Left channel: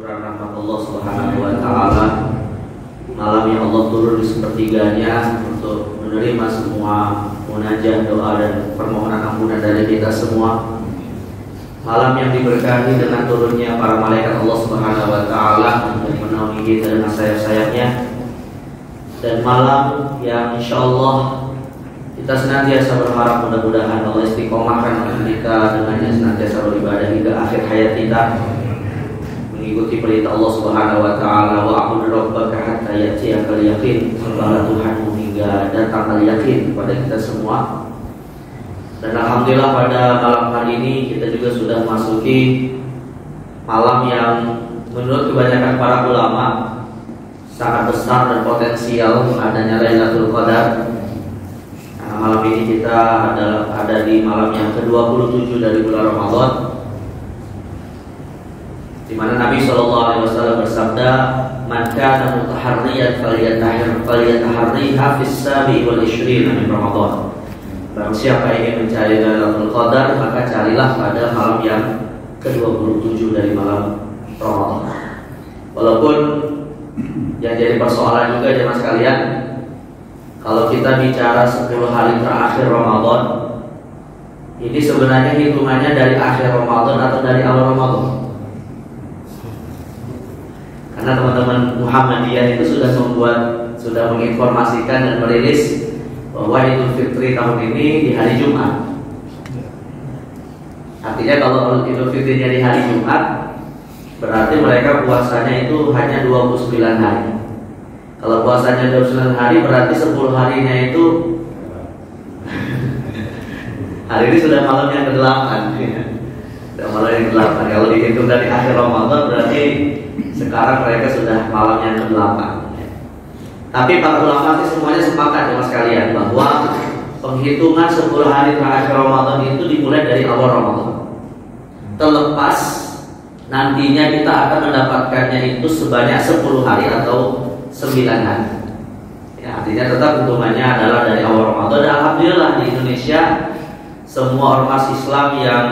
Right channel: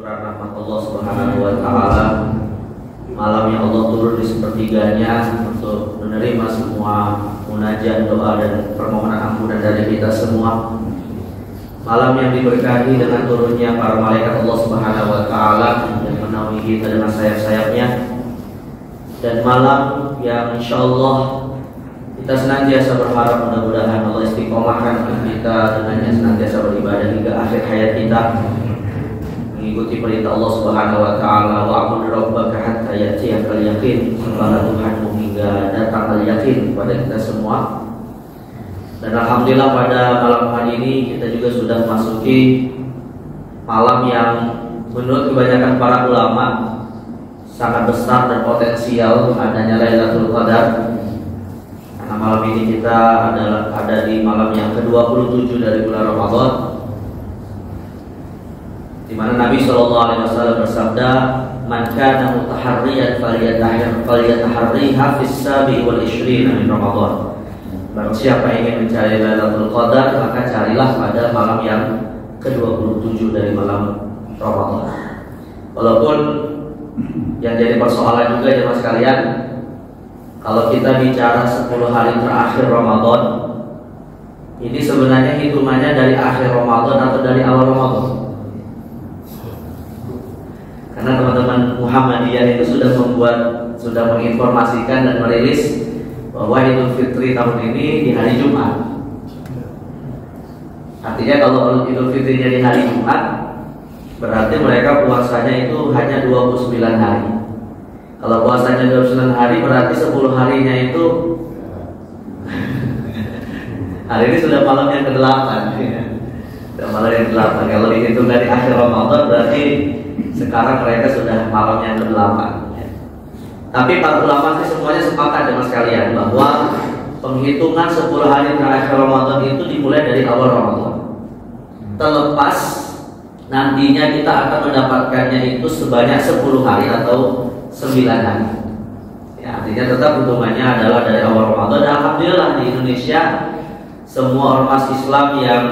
Curah rahmat Allah Subhanahu wa taala, malam yang Allah turun di sepertiganya untuk menerima semua munajat, doa dan permohonan ampunan dari kita semua. Malam yang diberkahi dengan turunnya para malaikat Allah Subhanahu wa taala yang menaungi kita dengan sayap-sayapnya, dan malam yang insyaallah kita senantiasa berharap mudah-mudahan Allah istiqomahkan kita dengannya senantiasa beribadah hingga akhir hayat kita, mengikuti perintah Allah Subhanahu wa taala, wa'bud rabbaka hatta ya'tiyakal yaqin, sembahlah Tuhanmu hingga datang al-yakin kepada kita semua. Dan alhamdulillah pada malam hari ini kita juga sudah masuki malam yang menurut kebanyakan para ulama sangat besar dan potensial adanya Lailatul Qadar. Karena malam ini kita ada di malam yang ke-27 dari bulan Ramadan, di mana Nabi SAW bersabda, "Man kana mutaharriyan falyataharriha fis sabi wal 20 min Ramadan." Barang siapa ingin mencari Lailatul Qadar, maka carilah pada malam yang ke-27 dari malam Ramadan. Walaupun yang jadi persoalan juga jemaah sekalian, kalau kita bicara 10 hari terakhir Ramadan, ini sebenarnya hitungannya dari akhir Ramadan atau dari awal Ramadan? Karena teman-teman Muhammadiyah itu sudah menginformasikan dan merilis bahwa Idul Fitri tahun ini di hari Jumat. Artinya kalau Idul Fitrinya di hari Jumat, berarti mereka puasanya itu hanya 29 hari. Kalau puasanya 29 hari, berarti 10 harinya itu hari ini sudah malam yang ke-8 ya. Sudah malam yang ke-8. Kalau dihitung dari akhir Ramadan, berarti sekarang mereka sudah malam yang ke-8 ya. Tapi para ulama sih semuanya sepakat dengan sekalian bahwa penghitungan 10 hari terakhir Ramadan itu dimulai dari awal Ramadan. Terlepas nantinya kita akan mendapatkannya itu sebanyak 10 hari atau 9 hari ya, artinya tetap hitungannya adalah dari awal Ramadan. Dan alhamdulillah di Indonesia semua ormas Islam yang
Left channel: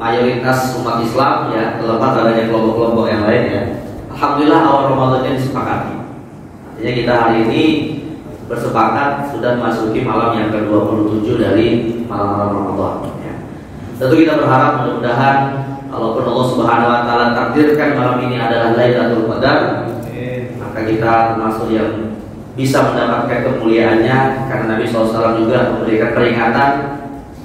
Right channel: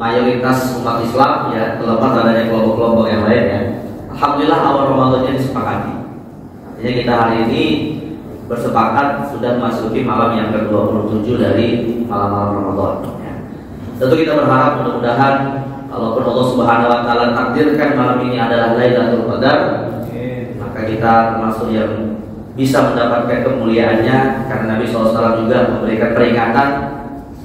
mayoritas umat Islam ya, terlepas adanya kelompok-kelompok yang lain ya, alhamdulillah awal Ramadannya disepakati. Artinya kita hari ini bersepakat sudah memasuki malam yang ke-27 dari malam-malam Ramadan ya. Tentu kita berharap mudah-mudahan walaupun Allah Subhanahu wa taala takdirkan malam ini adalah Lailatul Qadar, maka kita termasuk yang bisa mendapatkan kemuliaannya, karena Nabi SAW juga memberikan peringatan,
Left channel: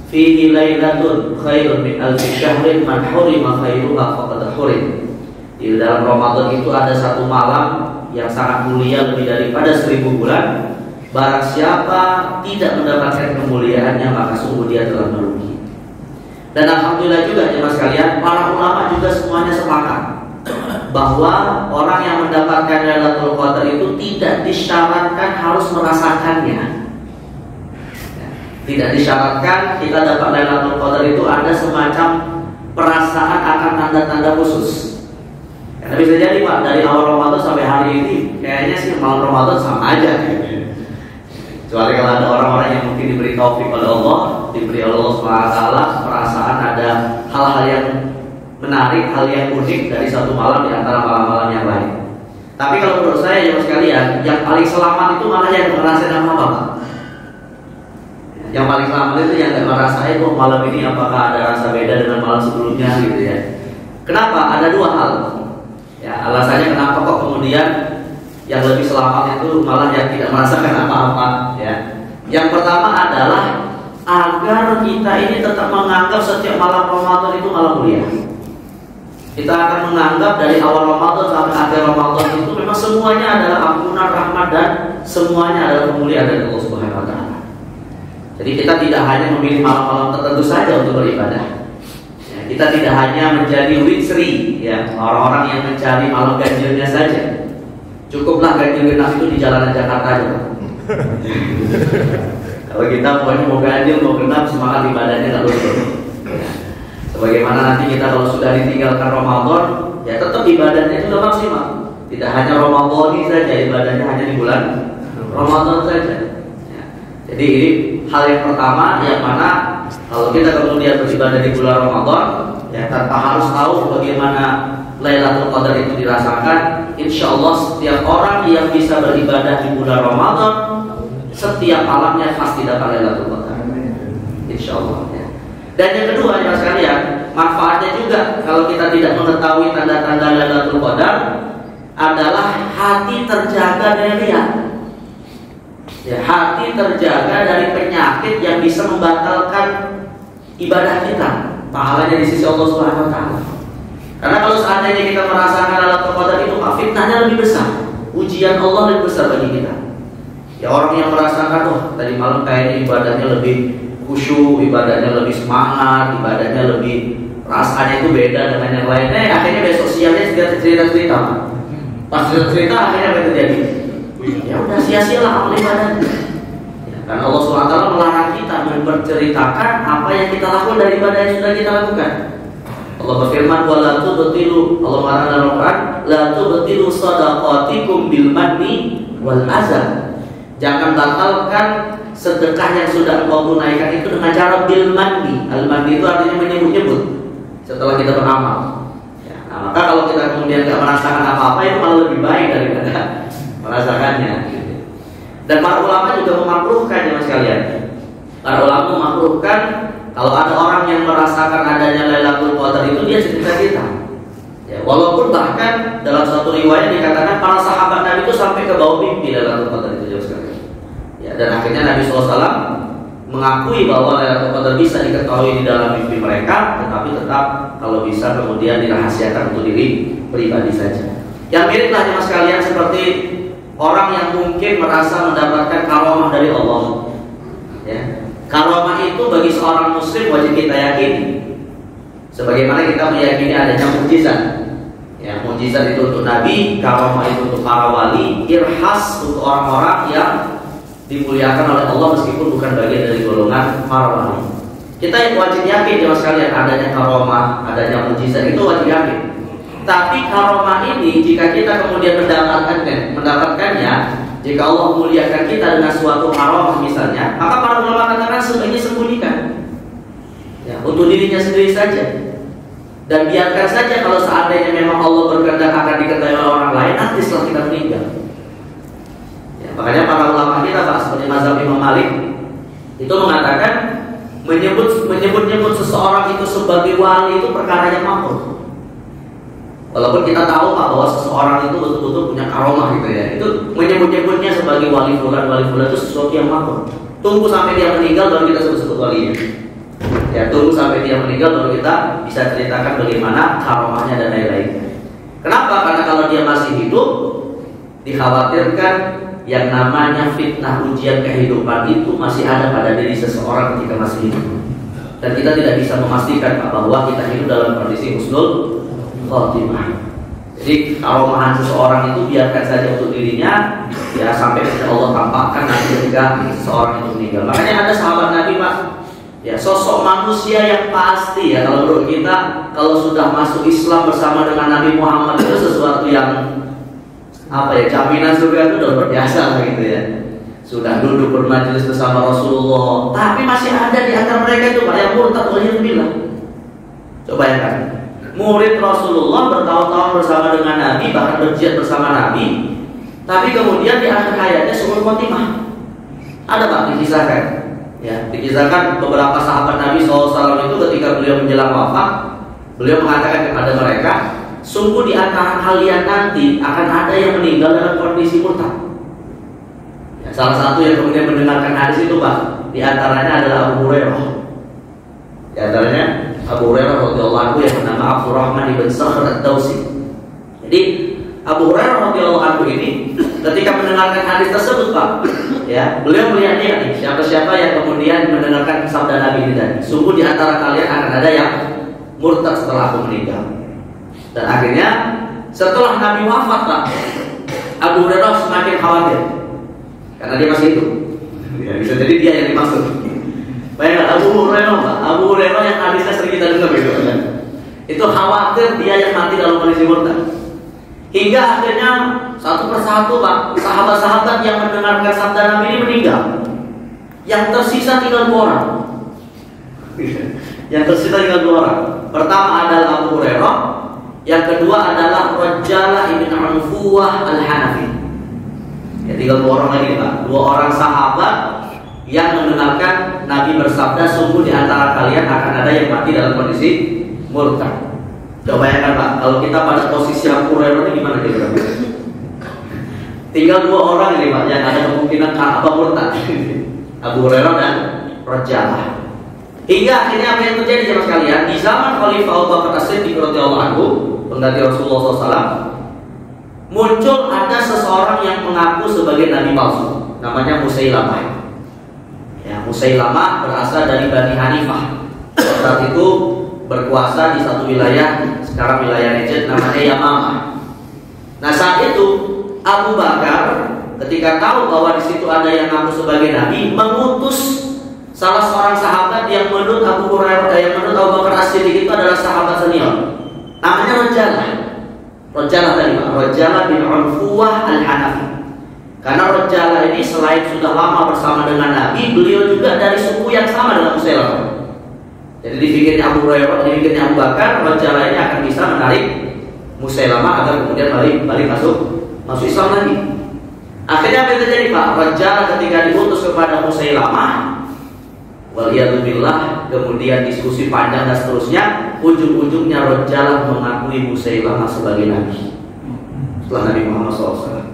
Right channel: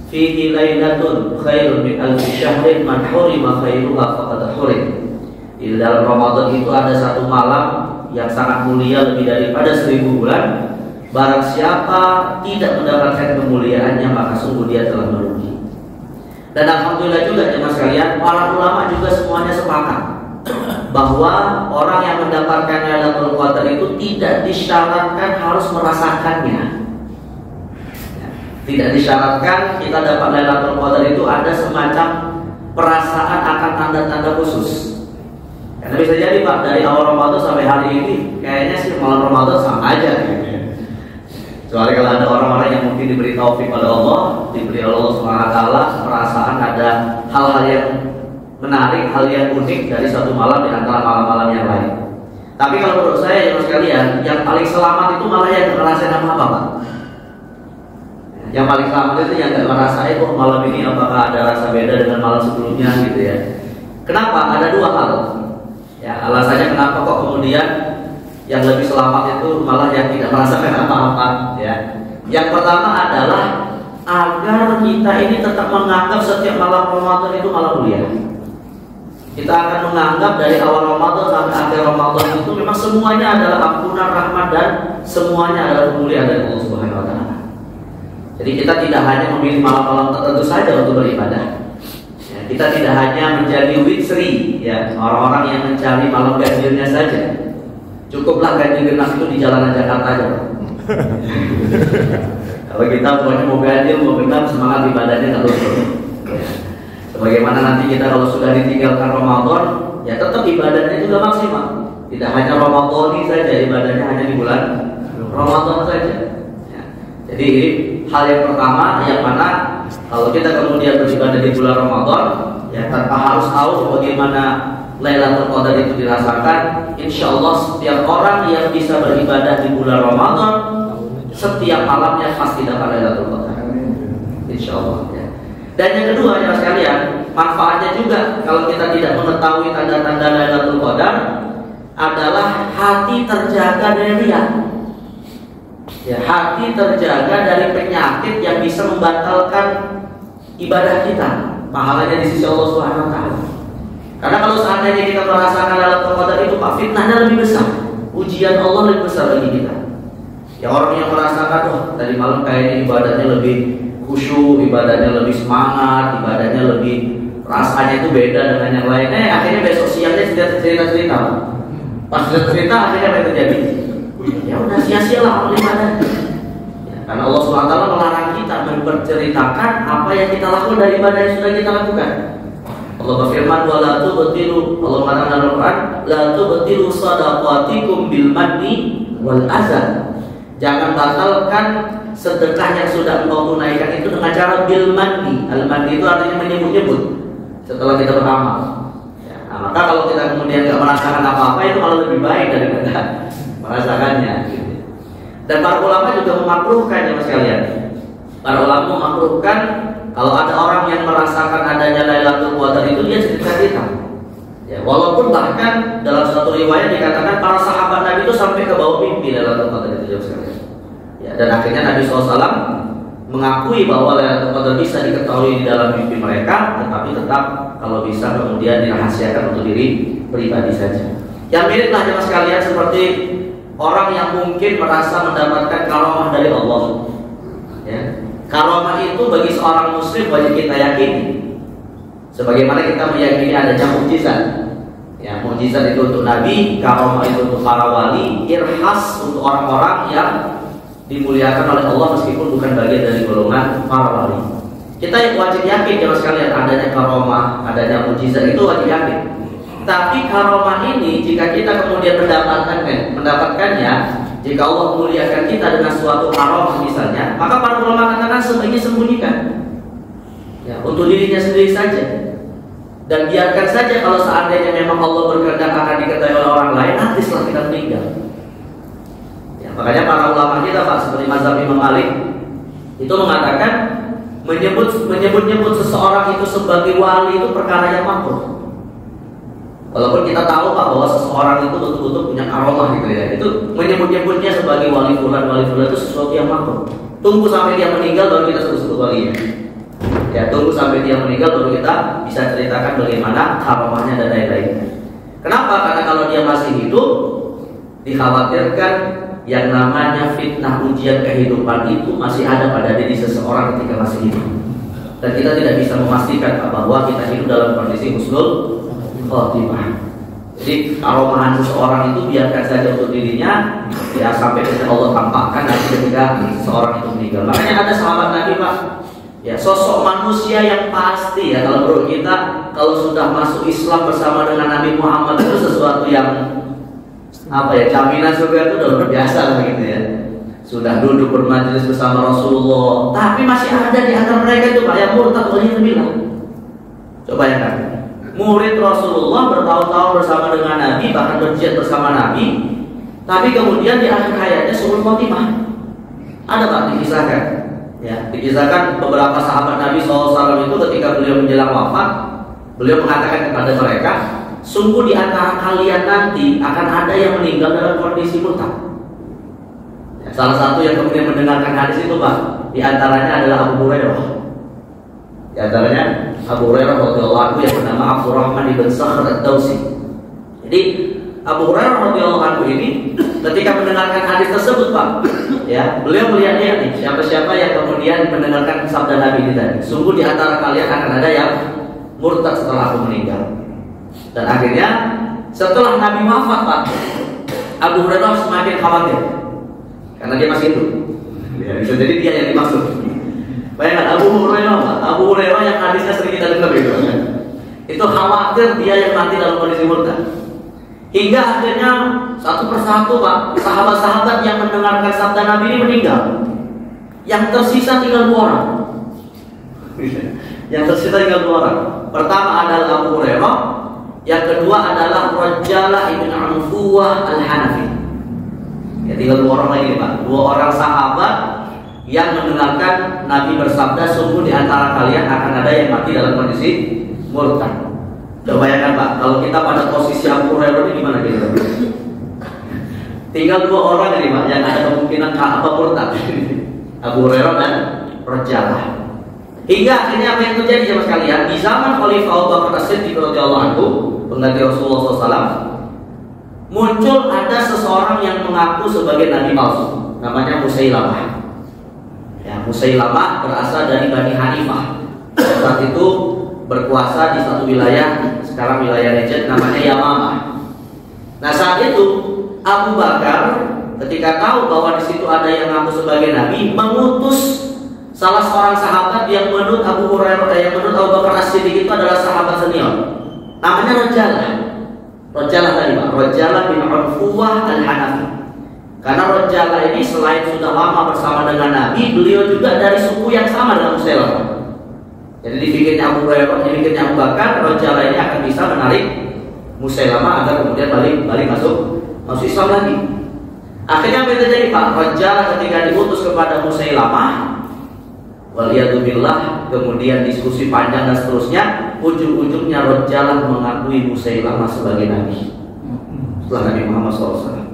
fihi lailatun khairun min alfi syahrin man hurima khairuha faqad hurim. Di dalam Ramadan itu ada satu malam yang sangat mulia lebih daripada 1000 bulan. Barang siapa tidak mendapatkan kemuliaannya, maka sungguh dia telah merugi. Dan alhamdulillah juga jemaah sekalian, para ulama juga semuanya sepakat bahwa orang yang mendapatkan Lailatul Qadar itu tidak disyaratkan harus merasakannya. Tidak disyaratkan kita dapat Lailatul Qadar itu ada semacam perasaan akan tanda-tanda khusus. Karena bisa jadi Pak, dari awal Ramadan sampai hari ini kayaknya sih malam Ramadan sama aja. Kecuali kalau ada orang-orang yang mungkin diberi taufik oleh Allah, diberi Allah SWT perasaan ada hal-hal yang menarik, hal yang unik dari satu malam di antara malam-malam yang lain. Tapi kalau menurut saya jemaah sekalian, yang paling selamat itu malah yang merasakan apa Pak? Yang paling selamat itu yang gak merasakan kok malam ini apakah ada rasa beda dengan malam sebelumnya gitu ya. Kenapa? Ada dua hal ya, alasannya kenapa kok kemudian yang lebih selamat itu malah yang tidak merasakan apa-apa ya. Yang pertama adalah agar kita ini tetap menganggap setiap malam Ramadan itu malam mulia. Kita akan menganggap dari awal Ramadan sampai akhir Ramadan itu memang semuanya adalah ampunan, rahmat, dan semuanya adalah kemuliaan dari Allah Subhanahu wa taala. Jadi kita tidak hanya memilih malam-malam tertentu saja untuk beribadah. Ya, kita tidak hanya menjadi witri ya, orang-orang yang mencari malam ganjilnya saja. Cukuplah ganjil genap itu di jalanan Jakarta aja. Kalau kita mau ganjil, mau genap, semangat ibadahnya nggak luntur. Ya. Sebagaimana nanti kita kalau sudah ditinggalkan Ramadan, ya tetap ibadahnya juga maksimal. Tidak hanya Ramadan ini saja, ibadahnya hanya di bulan Ramadan saja. Ya. Jadi ini hal yang pertama, yang mana kalau kita kemudian beribadah di bulan Ramadan, ya tanpa harus tahu bagaimana Lailatul Qadar itu dirasakan, insya Allah setiap orang yang bisa beribadah di bulan Ramadan, setiap malamnya pasti dapat Lailatul Qadar. Insya Allah ya. Dan yang kedua ya sekalian, manfaatnya juga kalau kita tidak mengetahui tanda-tanda Lailatul Qadar adalah hati terjaga dari riya. Ya, hati terjaga dari penyakit yang bisa membatalkan ibadah kita, pahalanya di sisi Allah Subhanahu wa taala. Karena kalau seandainya kita merasakan Lailatul Qadar itu, fitnahnya lebih besar, ujian Allah lebih besar bagi kita. Ya, orang yang merasakan, oh tadi malam kayaknya ibadahnya lebih khusyuk, ibadahnya lebih semangat, ibadahnya lebih rasanya itu beda dengan yang lainnya, akhirnya besok siangnya cerita-cerita. Pas cerita akhirnya apa yang terjadi? Ya udah sia-sialah amal ibadah. Ya, karena Allah SWT melarang kita menceritakan apa yang kita lakukan dari ibadah yang sudah kita lakukan. Allah berfirman, "Wala tubtilu", Allah mengatakan dalam Al-Qur'an, "La tubtilu shadaqatikum bil manni wal azan." Jangan batalkan sedekah yang sudah engkau tunaikan itu dengan cara bil manni. Al manni itu artinya menyebut-nyebut setelah kita beramal. Ya, nah, maka kalau kita kemudian tidak merasakan apa-apa, itu malah lebih baik daripada merasakannya. Gitu. Dan para ulama juga memakruhkan ya sekalian. Para ulama memakruhkan kalau ada orang yang merasakan adanya Lailatul Qadar itu dia cerita-cerita. Ya, walaupun bahkan dalam satu riwayat dikatakan para sahabat Nabi itu sampai ke bawah mimpi Lailatul Qadar itu ya sekalian. Ya, dan akhirnya Nabi SAW mengakui bahwa Lailatul Qadar bisa diketahui di dalam mimpi mereka, tetapi tetap kalau bisa kemudian dirahasiakan untuk diri pribadi saja. Yang miriplah jemaah sekalian seperti orang yang mungkin merasa mendapatkan karamah dari Allah. Ya. Karamah itu bagi seorang muslim wajib kita yakini. Sebagaimana kita meyakini adanya mukjizat. Ya, mukjizat itu untuk Nabi, karamah itu untuk para wali, irhas untuk orang-orang yang dimuliakan oleh Allah meskipun bukan bagian dari golongan para wali. Kita yang wajib yakin jemaah sekalian adanya karamah, adanya mukjizat itu wajib yakin. Tapi karamah ini jika kita kemudian mendapatkannya, jika Allah memuliakan kita dengan suatu karamah misalnya, maka para ulama katakan sebaiknya sembunyikan. Ya, untuk dirinya sendiri saja. Dan biarkan saja kalau seandainya memang Allah berkehendak akan diketahui oleh orang lain nanti setelah kita meninggal. Ya, makanya para ulama kita Pak seperti mazhab Imam Malik itu mengatakan menyebut seseorang itu sebagai wali itu perkara yang makruh. Walaupun kita tahu Pak bahwa seseorang itu betul-betul punya karamah gitu ya. Itu menyebut-nyebutnya sebagai wali fulan itu sesuatu yang makruh. Tunggu sampai dia meninggal baru kita sebut walinya. Ya, tunggu sampai dia meninggal baru kita bisa ceritakan bagaimana karamahnya dan lain-lain. Kenapa? Karena kalau dia masih hidup dikhawatirkan yang namanya fitnah ujian kehidupan itu masih ada pada diri seseorang ketika masih hidup. Dan kita tidak bisa memastikan bahwa kita hidup dalam kondisi husnul khotimah. Jadi karomahan seseorang itu biarkan saja untuk dirinya, ya sampai Allah tampakkan nanti ketika seseorang itu meninggal. Makanya ada sahabat Nabi Pak, ya sosok manusia yang pasti ya kalau menurut kita kalau sudah masuk Islam bersama dengan Nabi Muhammad itu sesuatu yang apa ya, jaminan surga itu udah biasa begitu ya. Sudah duduk bermajelis bersama Rasulullah, tapi masih ada di antara mereka itu Pak yang murtad yang bilang. Coba ya kan. Murid Rasulullah bertahun-tahun bersama dengan Nabi, bahkan berjihad bersama Nabi, tapi kemudian di akhir hayatnya suul khotimah. Ada Pak dikisahkan, ya dikisahkan beberapa sahabat Nabi SAW itu ketika beliau menjelang wafat, beliau mengatakan kepada mereka, sungguh di antara kalian nanti akan ada yang meninggal dalam kondisi murtad. Ya, salah satu yang kemudian mendengarkan hadis itu Pak, di antaranya adalah Abu Hurairah. Di antaranya Abu Hurairah radhiyallahu anhu yang bernama Abdurrahman ibn Sakhr ad-Dawsi. Jadi Abu Hurairah radhiyallahu anhu ini ketika mendengarkan hadis tersebut Pak, ya beliau melihatnya siapa-siapa yang kemudian mendengarkan sabda Nabi ini tadi. Sungguh di antara kalian akan ada yang murtad setelah aku meninggal. Dan akhirnya setelah Nabi wafat Pak, Abu Hurairah semakin khawatir karena dia masih hidup. Ya, bisa jadi dia yang dimaksud. Bayangkan Abu Hurairah yang hadisnya sering kita dengar gitu. Itu khawatir dia yang mati dalam kondisi murtad. Hingga akhirnya satu persatu Pak, sahabat-sahabat yang mendengarkan sabda Nabi ini meninggal. Yang tersisa tinggal 2 orang. Yang tersisa tinggal 2 orang. Pertama adalah Abu Hurairah, Yang kedua adalah Rajalah ibn Anfuwah al-Hanafi. Ya, tinggal 2 orang lagi Pak. 2 orang sahabat yang mendengarkan Nabi bersabda, sungguh di antara kalian akan ada yang mati dalam kondisi murtad. Coba bayangkan Pak, kalau kita pada posisi Abu Hurairah ini gimana kira-kira? Tinggal 2 orang ini Pak yang ada kemungkinan apa murtad. Abu Hurairah dan Rajalah. Hingga akhirnya apa yang terjadi jemaah sekalian, di zaman Khalifah Abu Bakar As-Siddiq radhiyallahu anhu, pengganti Rasulullah SAW, muncul ada seseorang yang mengaku sebagai nabi palsu, namanya Musailamah. Ya, Musailamah berasal dari Bani Hanifah. Saat itu berkuasa di satu wilayah, sekarang wilayah Najd, namanya Yamamah. Nah saat itu Abu Bakar ketika tahu bahwa di situ ada yang mengaku sebagai nabi, mengutus salah seorang sahabat yang menurut Abu Hurairah, yang menurut Abu Bakar As-Siddiq itu adalah sahabat senior, namanya Rajalah. Rajalah tadi Pak, Rajalah bin Anfuwah al-Hanafi. Karena Rajalah ini selain sudah lama bersama dengan Nabi, beliau juga dari suku yang sama dengan Musailamah. Jadi di pikirnya Abu Hurairah, di pikirnya Abu Bakar, Rajalah ini akan bisa menarik Musailamah agar kemudian balik masuk Islam lagi. Akhirnya apa yang terjadi Pak? Rajalah ketika diutus kepada Musailamah, waliyadzubillah, kemudian diskusi panjang dan seterusnya, ujung-ujungnya Rajalah mengakui Musailamah sebagai nabi setelah Nabi Muhammad SAW.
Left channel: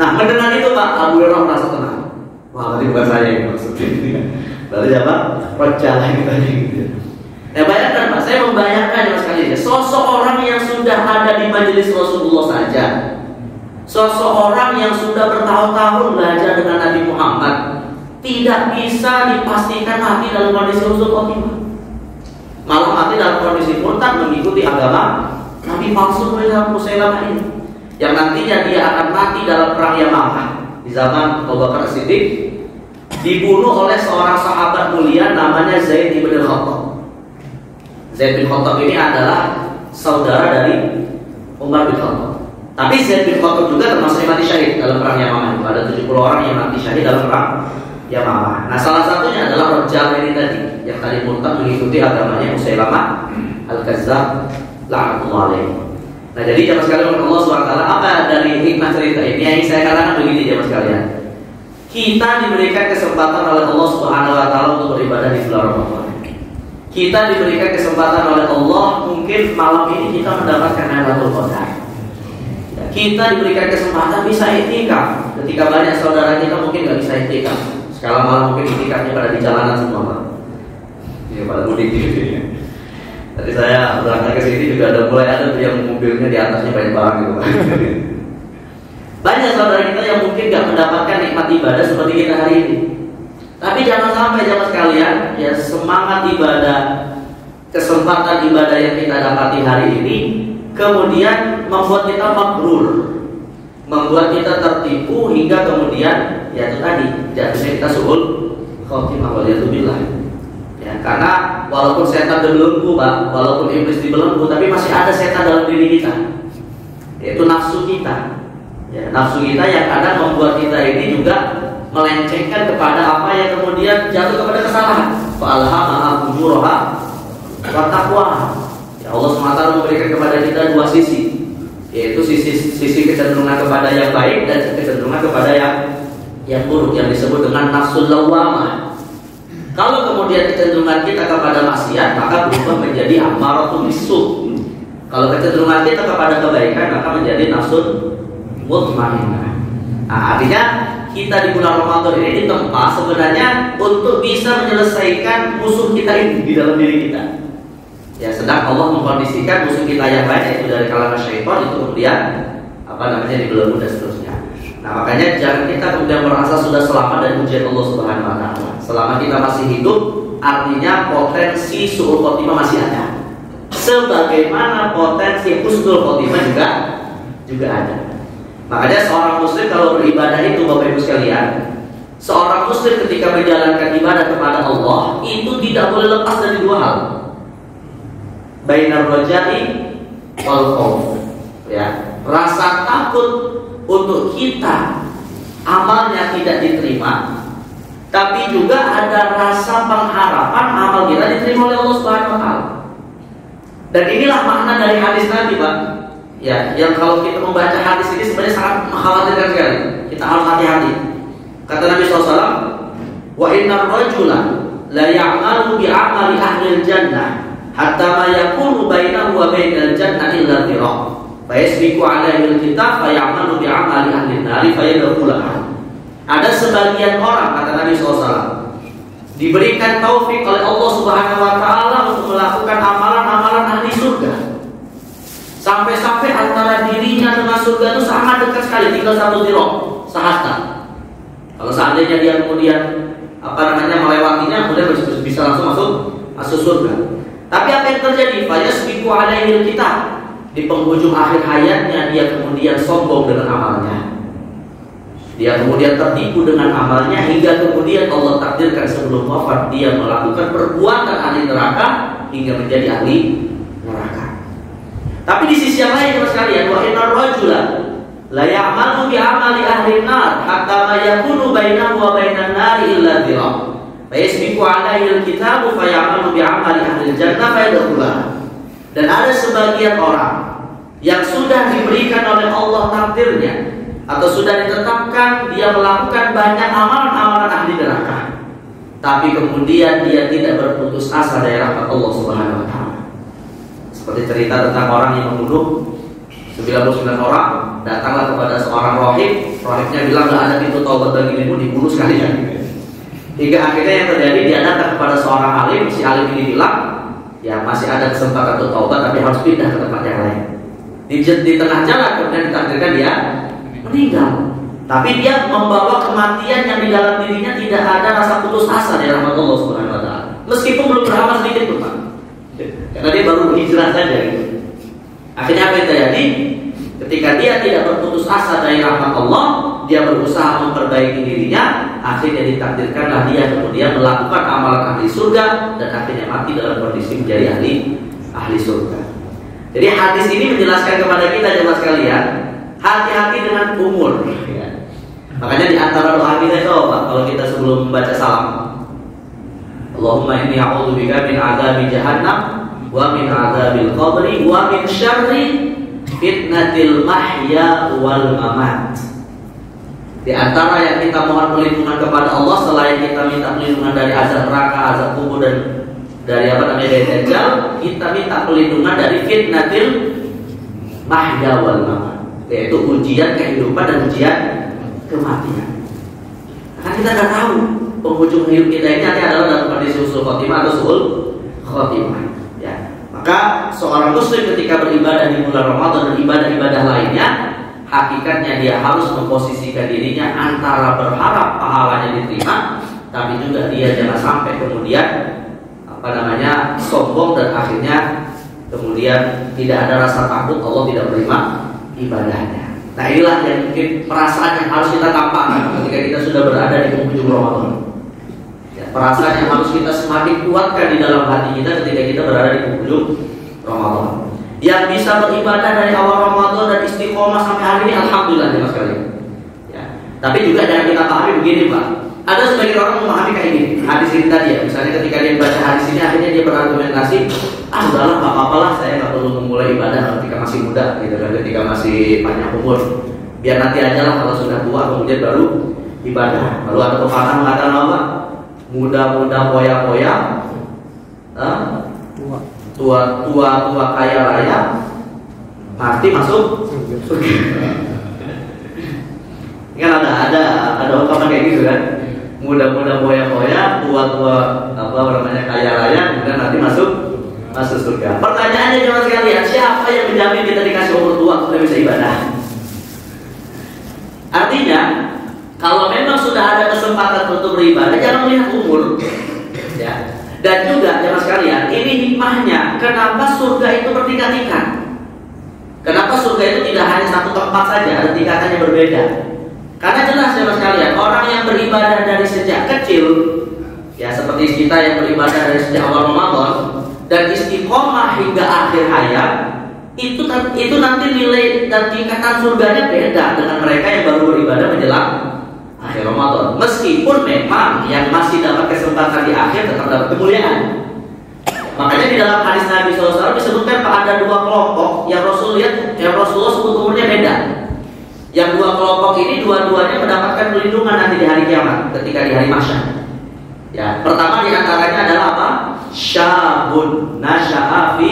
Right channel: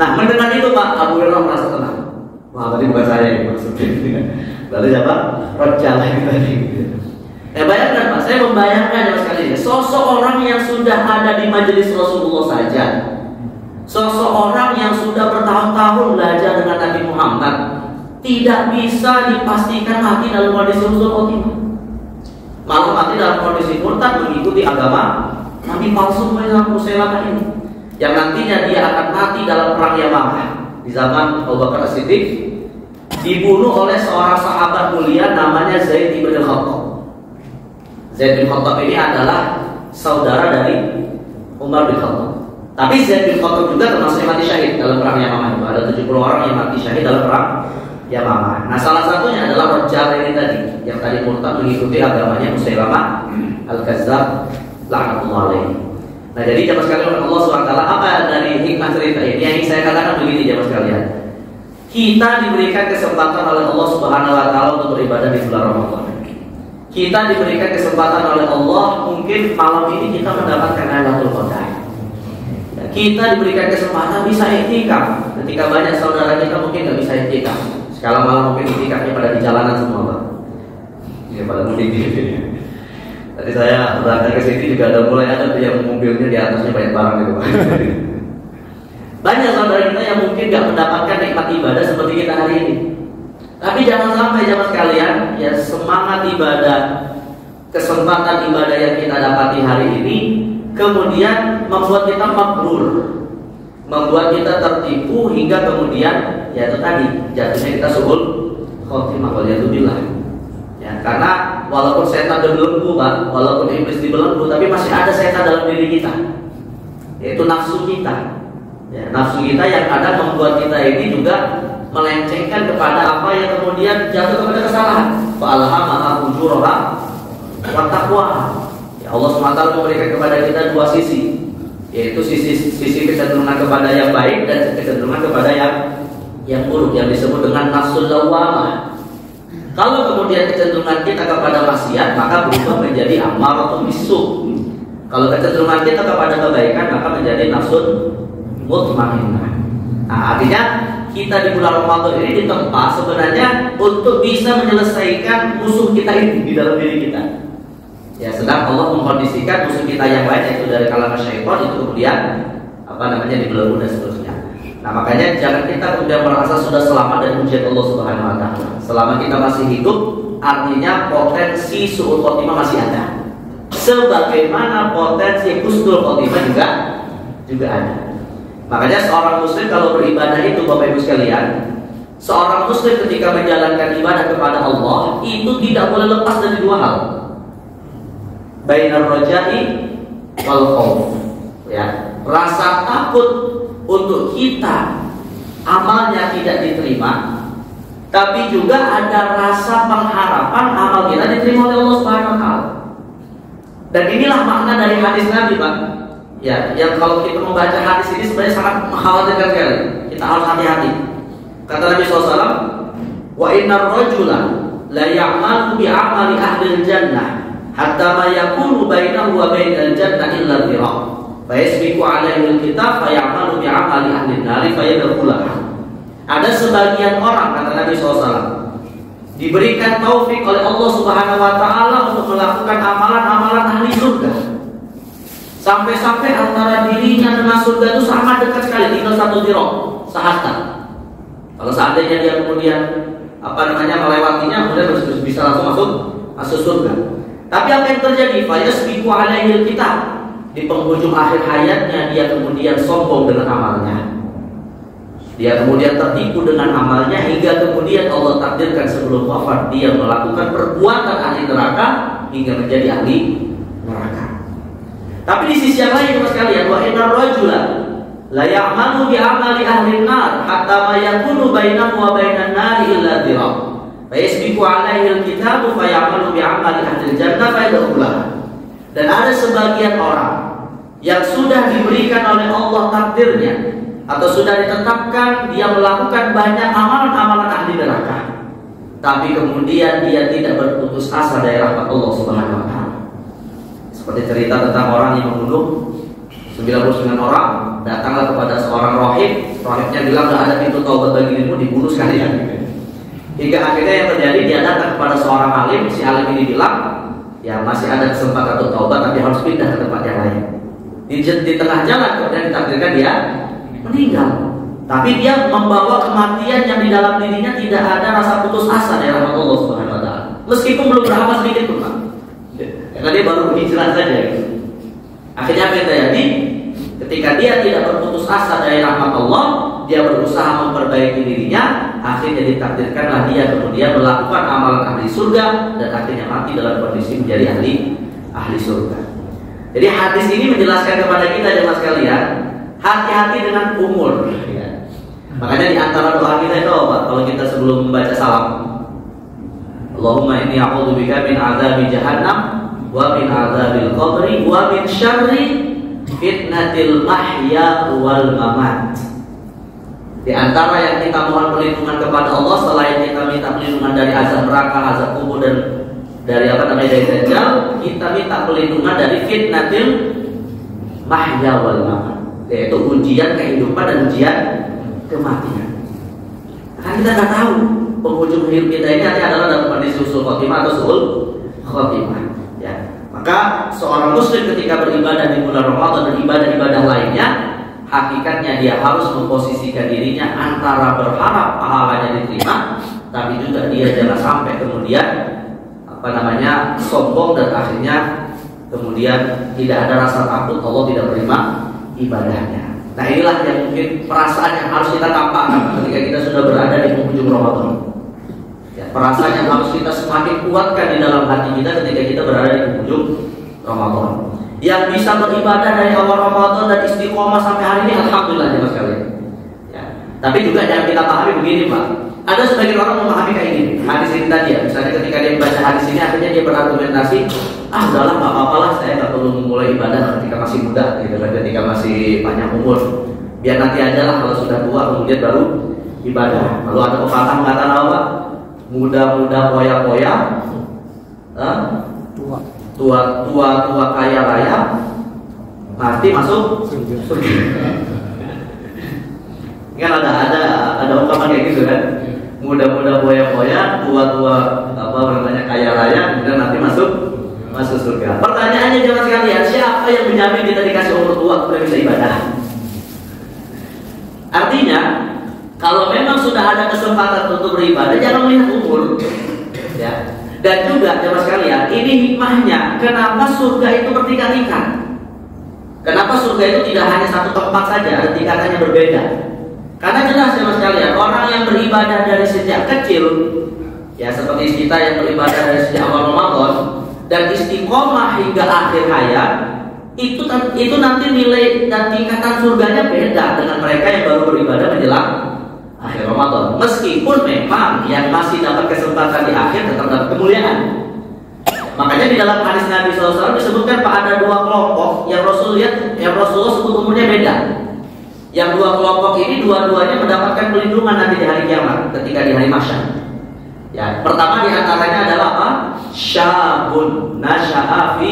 Nah mendengar itu Pak, Abu Hurairah merasa tenang. Wah, berarti bukan saya yang maksudnya. Berarti apa? Rajalah ini tadi. Nah bayangkan Pak, saya membayangkan yang sekali ini, sosok orang yang sudah ada di majelis Rasulullah saja, sosok orang yang sudah bertahun-tahun belajar dengan Nabi Muhammad, tidak bisa dipastikan mati dalam kondisi husnul khotimah, malah mati dalam kondisi murtad mengikuti agama Nabi palsu Musailamah ini, yang nantinya dia akan mati dalam perang Yamamah di zaman Abu Bakar As-Siddiq, dibunuh oleh seorang sahabat mulia namanya Zaid bin Khattab. Zaid bin Khattab ini adalah saudara dari Umar bin Khattab. Tapi Zaid bin Khattab juga termasuk mati syahid dalam perang Yamamah. Itu ada 70 orang yang mati syahid dalam perang Yamamah. Nah salah satunya adalah Rajalah ini tadi, yang tadi murtad mengikuti agamanya Musailamah al-Kazzab laknatullah alaihi. Nah jadi jemaah sekalian Allah SWT, apa dari hikmah cerita ini? Yang saya katakan begini jemaah sekalian, kita diberikan kesempatan oleh Allah Subhanahu Wa Taala untuk beribadah di bulan Ramadan. Kita diberikan kesempatan oleh Allah, mungkin malam ini kita mendapatkan Lailatul Qadar. Kita diberikan kesempatan bisa iktikaf, ketika banyak saudara kita mungkin nggak bisa iktikaf. Sekarang malah mungkin itikafnya pada di jalanan semua Pak. Ya pada mudik gitu. Tadi saya berangkat ke sini juga ada mulai ada tuh yang mobilnya di atasnya banyak barang gitu Pak. Banyak saudara kita yang mungkin nggak mendapatkan nikmat ibadah seperti kita hari ini. Tapi jangan sampai jemaah sekalian, ya semangat ibadah, kesempatan ibadah yang kita dapati hari ini kemudian membuat kita mabrur, membuat kita tertipu hingga kemudian ya itu tadi jadinya kita suhul khotimah waliyadzubillah. Ya, karena walaupun setan berbelenggu Pak, walaupun iblis dibelenggu, tapi masih ada setan dalam diri kita, yaitu nafsu kita. Ya, nafsu kita yang kadang membuat kita ini juga melencengkan kepada apa yang kemudian jatuh kepada kesalahan. Fa'alhamaha fujuraha wa taqwaha. Ya, Allah SWT memberikan kepada kita 2 sisi, yaitu sisi kecenderungan kepada yang baik dan kecenderungan kepada yang buruk, yang disebut dengan nafsul lawwamah. Kalau kemudian kecenderungan kita kepada maksiat, maka berubah menjadi amaratul bisu. Kalau kecenderungan kita kepada kebaikan, maka menjadi nafsul mutmainnah. Nah, artinya kita di bulan Ramadan ini ditempa sebenarnya untuk bisa menyelesaikan musuh kita ini di dalam diri kita. Ya, sedang Allah mengkondisikan musuh kita yang lain, yaitu dari kalangan syaitan, itu kemudian dibelenggu dan seterusnya. Nah makanya jangan kita kemudian merasa sudah selamat dari ujian Allah Subhanahu Wa Taala. Selama kita masih hidup, artinya potensi su'ul khotimah masih ada. Sebagaimana potensi husnul khotimah juga ada. Makanya seorang muslim kalau beribadah itu Bapak Ibu sekalian, seorang muslim ketika menjalankan ibadah kepada Allah itu tidak boleh lepas dari 2 hal. Bainar raja'i wal khauf. Ya, rasa takut untuk kita amalnya tidak diterima, tapi juga ada rasa pengharapan amal kita diterima oleh Allah Subhanahu Wa Taala. Dan inilah makna dari hadis Nabi, Pak. Ya, yang kalau kita membaca hadis ini sebenarnya sangat mengkhawatirkan sekali. Kita harus hati-hati. Kata Nabi SAW, wa innar rajula la ya'malu bi 'amali ahli al-jannah hatta ma yakunu bainahu wa bainal jannah illa dhira'. Fa yasbiqu 'alaihi al-kitab fa ya'malu bi 'amali ahli an-nar fa yadkhuluha. Ada sebagian orang, kata Nabi SAW, diberikan taufik oleh Allah Subhanahu wa taala untuk melakukan amalan-amalan ahli surga. Sampai-sampai antara dirinya dengan surga itu sangat dekat sekali, tinggal 1 dhira', sehasta. Kalau seandainya dia kemudian melewatinya, kemudian bisa langsung masuk surga. Tapi apa yang terjadi? Fayasbiqu 'alaihi al-kitab. Di penghujung akhir hayatnya dia kemudian sombong dengan amalnya. Dia kemudian tertipu dengan amalnya hingga kemudian Allah takdirkan sebelum wafat dia melakukan perbuatan ahli neraka hingga menjadi ahli neraka. Tapi di sisi yang lain, Mas kalian, wa innar rajula la ya'malu bi 'amali ahli an-nar hatta ma yakunu bainahu wa bainan nar illa dhira'. Fa yasbiqu 'alaihi al-kitabu fa ya'malu bi 'amali ahli al-jannah fa yadkhuluha. Dan ada sebagian orang yang sudah diberikan oleh Allah takdirnya atau sudah ditetapkan dia melakukan banyak amalan-amalan ahli neraka, tapi kemudian dia tidak berputus asa dari rahmat Allah Subhanahu wa taala. Seperti cerita tentang orang yang membunuh 99 orang, datanglah kepada seorang rohibnya bilang, "Lah ada pintu taubat bagi dirimu, dibunuh sekalian." Hingga akhirnya yang terjadi, dia datang kepada seorang alim, si alim ini bilang, "Ya masih ada kesempatan untuk taubat, tapi harus pindah ke tempat yang lain." Di tengah jalan kemudian ditakdirkan dia meninggal, tapi dia membawa kematian yang di dalam dirinya tidak ada rasa putus asa dari rahmat Allah Subhanahu wa taala. Meskipun belum beramal sedikit pun, Pak. Karena dia baru hijrah saja. Akhirnya apa yang terjadi? Ketika dia tidak berputus asa dari rahmat Allah, dia berusaha memperbaiki dirinya, akhirnya ditakdirkanlah dia kemudian melakukan amalan ahli surga dan akhirnya mati dalam kondisi menjadi ahli surga. Jadi hadis ini menjelaskan kepada kita jemaah sekalian, hati-hati dengan umur. Ya. Makanya di antara doa kita itu apa? Kalau kita sebelum membaca salam, Allahumma inni a'udzubika min 'adzabi jahannam wa min 'adzabil qabri wa min syarri fitnatil mahya wal mamat. Di antara yang kita mohon perlindungan kepada Allah selain kita minta perlindungan dari azab neraka, azab kubur dan dari dari dajjal, kita minta perlindungan dari fitnatil mahya wal mamat, yaitu ujian kehidupan dan ujian kematian. Karena kita tidak tahu penghujung hidup kita ini adalah dalam kondisi usul khotimah atau suul khotimah. Ya. Maka seorang muslim ketika beribadah di bulan Ramadan dan ibadah-ibadah lainnya, hakikatnya dia harus memposisikan dirinya antara berharap pahalanya diterima, tapi juga dia jangan sampai kemudian sombong dan akhirnya kemudian tidak ada rasa takut Allah tidak menerima ibadahnya. Nah inilah yang mungkin perasaan yang harus kita tampakkan ketika kita sudah berada di penghujung Ramadan. Ya, perasaan yang harus kita semakin kuatkan di dalam hati kita ketika kita berada di penghujung Ramadan. Yang bisa beribadah dari awal Ramadan dan istiqomah sampai hari ini, alhamdulillah ya Mas kalian. Ya. Tapi juga jangan kita pahami begini, Pak. Ada sebagian orang memahami kayak ini, hadis ini tadi ya. Misalnya ketika dia membaca hadis ini, akhirnya dia berargumentasi, udahlah nggak apa-apalah, saya nggak perlu memulai ibadah ketika masih muda, gitu kan, ketika masih panjang umur. Biar nanti aja lah kalau sudah tua kemudian baru ibadah. Lalu ada pepatah mengatakan apa? Muda-muda poya-poya, tua kaya raya, mati masuk surga. Kan ada ungkapan kayak gitu kan? Muda-muda poya-poya, tua-tua kaya raya, kemudian nanti masuk surga. Pertanyaannya jemaah sekalian, siapa yang menjamin kita dikasih umur tua kita bisa ibadah? Artinya, kalau memang sudah ada kesempatan untuk beribadah, jangan melihat umur. Ya. Dan juga jemaah sekalian, ini hikmahnya. Kenapa surga itu bertingkat-tingkat? Kenapa surga itu tidak hanya satu tempat saja, ada tingkatannya berbeda? Karena jelas jemaah sekalian, orang yang beribadah dari sejak kecil, ya seperti kita yang beribadah dari sejak awal Ramadan dan istiqomah hingga akhir hayat, itu nanti nilai dan tingkatan surganya beda dengan mereka yang baru beribadah menjelang akhir Ramadan. Meskipun memang yang masih dapat kesempatan di akhir tetap dapat kemuliaan. Makanya di dalam hadis Nabi SAW disebutkan ada dua kelompok yang Rasul lihat, yang Rasulullah sebut umurnya beda. Yang dua kelompok ini dua-duanya mendapatkan perlindungan nanti di hari kiamat, ketika di hari mahsyar. Ya, pertama di antaranya adalah apa? Syabun nasya'a fi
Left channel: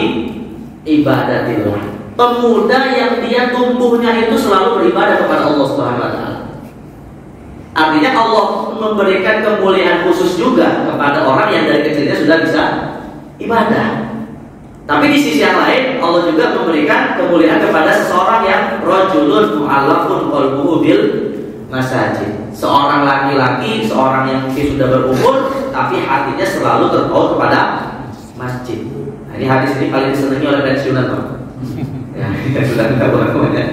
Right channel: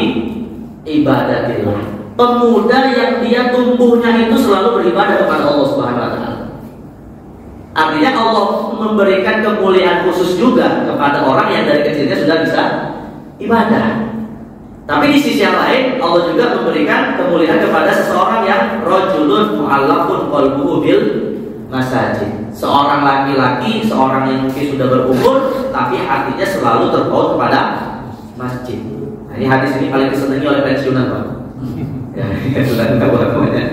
ibadatillah. Pemuda yang dia tumbuhnya itu selalu beribadah kepada Allah Subhanahu wa taala. Artinya Allah memberikan kemuliaan khusus juga kepada orang yang dari kecilnya sudah bisa ibadah. Tapi di sisi yang lain Allah juga memberikan kemuliaan kepada seseorang yang rajulun mu'allafun qalbuhu bil masajid. Seorang laki-laki, seorang yang mungkin sudah berumur tapi hatinya selalu terpaut kepada masjid. Nah, ini hadis ini paling disenangi oleh pensiunan, Pak. Ya, sudah tahu pokoknya.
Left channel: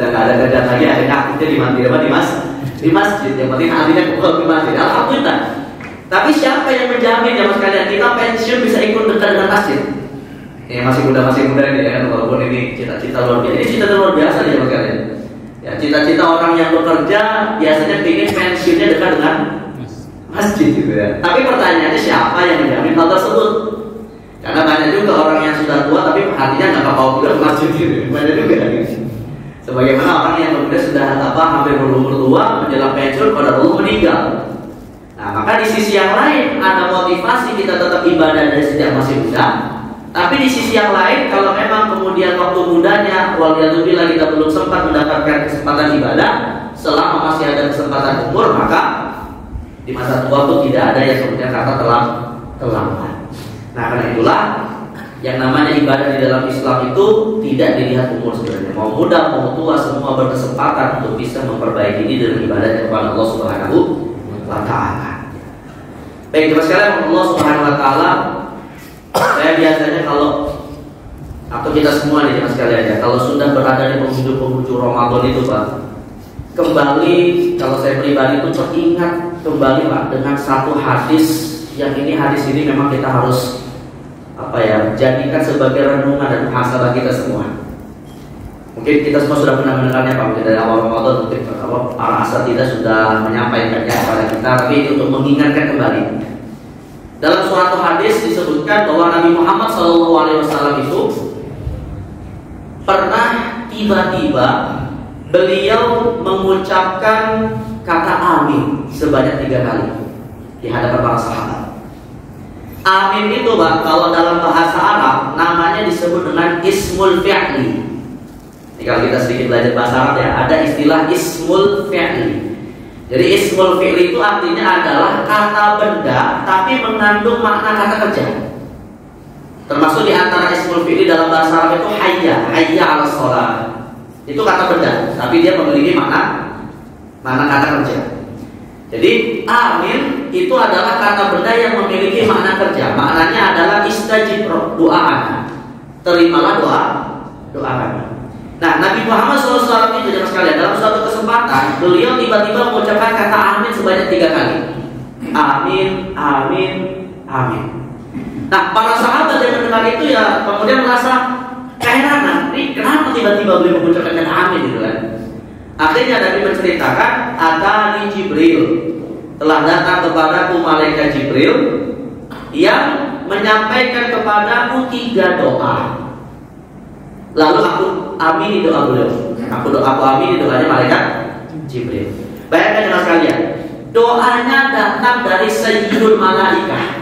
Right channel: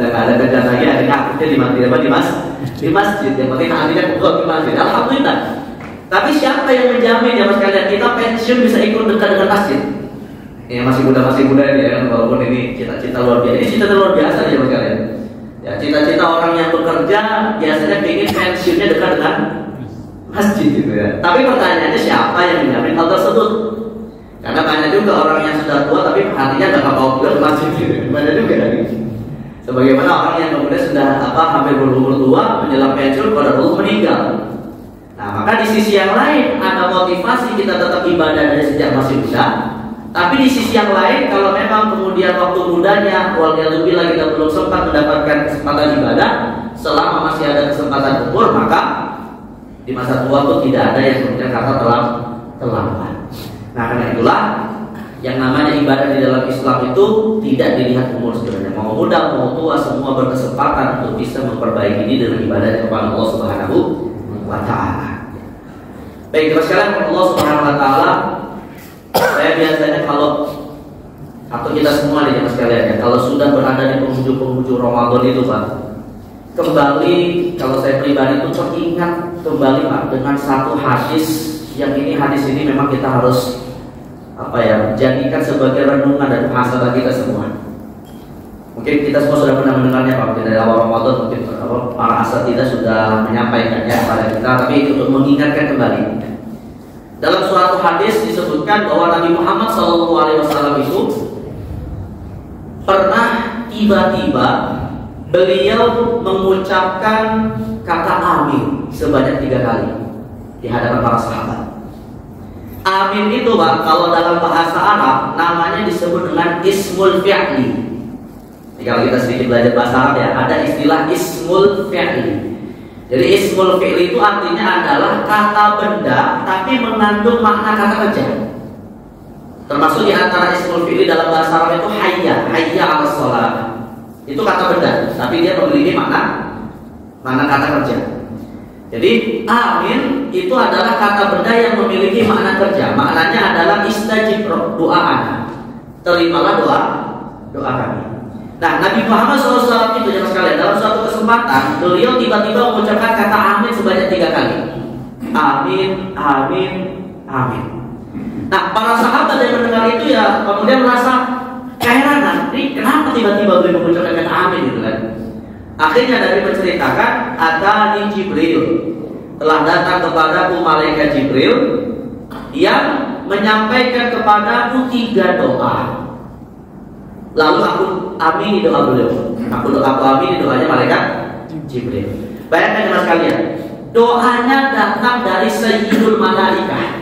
Dan ada kerjaan lagi, akhirnya aktifnya di masjid. Yang penting hatinya kebal di masjid. Alhamdulillah. Tapi siapa yang menjamin ya mas kalian kita pensiun bisa ikut dekat dengan masjid? Ya masih muda ini ya, walaupun ini cita-cita luar biasa. Ini cita-cita luar biasa ya mas kalian. Ya cita-cita orang yang bekerja biasanya ingin pensiunnya dekat dengan masjid gitu ya. Tapi pertanyaannya siapa yang menjamin hal tersebut? Karena banyak juga orang yang sudah tua tapi hatinya nggak kepau juga ke masjid gitu. Banyak juga gitu. Sebagaimana orang yang kemudian sudah hampir berumur tua menjelang pensiun pada Allah meninggal. Nah maka di sisi yang lain ada motivasi kita tetap ibadah dari sejak masih muda. Tapi di sisi yang lain kalau memang kemudian waktu mudanya waliyadzubillah kita belum sempat mendapatkan kesempatan ibadah, selama masih ada kesempatan umur maka di masa tua pun tidak ada yang kemudian kata terlambat. Nah karena itulah yang namanya ibadah di dalam Islam itu tidak dilihat umur sebenarnya. Mau muda mau tua semua berkesempatan untuk bisa memperbaiki diri dengan ibadah kepada Allah Subhanahu wa taala. Baik, terus sekalian Allah Subhanahu wa taala, saya biasanya kalau atau kita semua nih mas sekalian ya, kalau sudah berada di penghujung Ramadan itu Pak, kembali kalau saya pribadi pun teringat kembali Pak dengan satu hadis yang hadis ini memang kita harus jadikan sebagai renungan dan muhasabah kita semua. Mungkin kita semua sudah pernah mendengarnya Pak, mungkin dari awal Ramadan mungkin para asatidzah sudah menyampaikannya kepada kita, tapi untuk mengingatkan kembali. Dalam suatu hadis disebutkan bahwa Nabi Muhammad SAW itu pernah tiba-tiba beliau mengucapkan kata amin sebanyak 3 kali di hadapan para sahabat. Amin itu Pak, kalau dalam bahasa Arab namanya disebut dengan ismul fi'li. Kalau kita sedikit belajar bahasa Arab ya, ada istilah ismul fi'li. Jadi ismul fi'li itu artinya adalah kata benda tapi mengandung makna kata kerja. Termasuk di antara ismul fi'li dalam bahasa Arab itu hayya 'alas shalah. Itu kata benda, tapi dia memiliki makna kata kerja. Jadi amin itu adalah kata benda yang memiliki makna kerja. Maknanya adalah istajib doa. Terimalah doa kami. Nah, Nabi Muhammad SAW itu jangan sekalian dalam suatu kesempatan beliau tiba-tiba mengucapkan kata amin sebanyak 3 kali. Amin, amin, amin. Nah, para sahabat yang mendengar itu ya kemudian merasa keheranan. Ini kenapa tiba-tiba beliau mengucapkan kata amin gitu kan? Akhirnya Nabi menceritakan atani Jibril, telah datang kepadaku malaikat Jibril yang menyampaikan kepadaku 3 doa. Lalu aku amini doa beliau. Aku amini doanya malaikat Jibril. Bayangkan mas kalian, doanya datang dari Sayyidul Malaikah.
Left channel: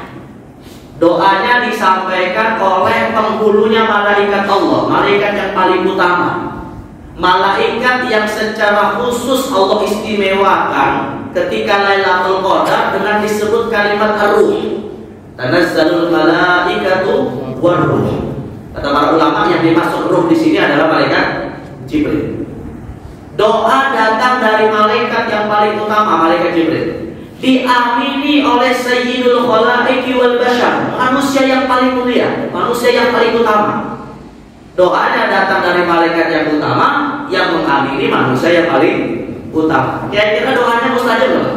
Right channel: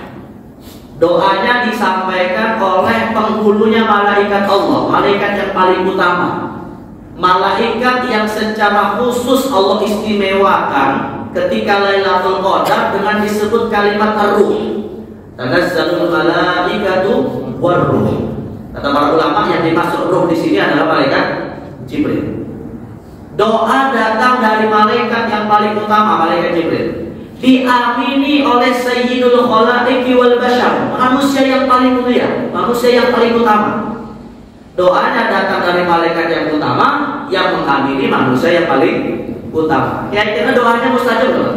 Doanya disampaikan oleh penghulunya malaikat Allah, malaikat yang paling utama. Malaikat yang secara khusus Allah istimewakan ketika Lailatul Qadar dengan disebut kalimat ar-ruh. Tanazzalul malaikatu war-ruh. Kata para ulama yang dimaksud ruh di sini adalah malaikat Jibril. Doa datang dari malaikat yang paling utama, malaikat Jibril. Diamini oleh Sayyidul Khalaiqi wal Bashar, manusia yang paling mulia, manusia yang paling utama. Doanya datang dari malaikat yang utama yang mengamini manusia yang paling utama. Kira-kira doanya mustajab loh.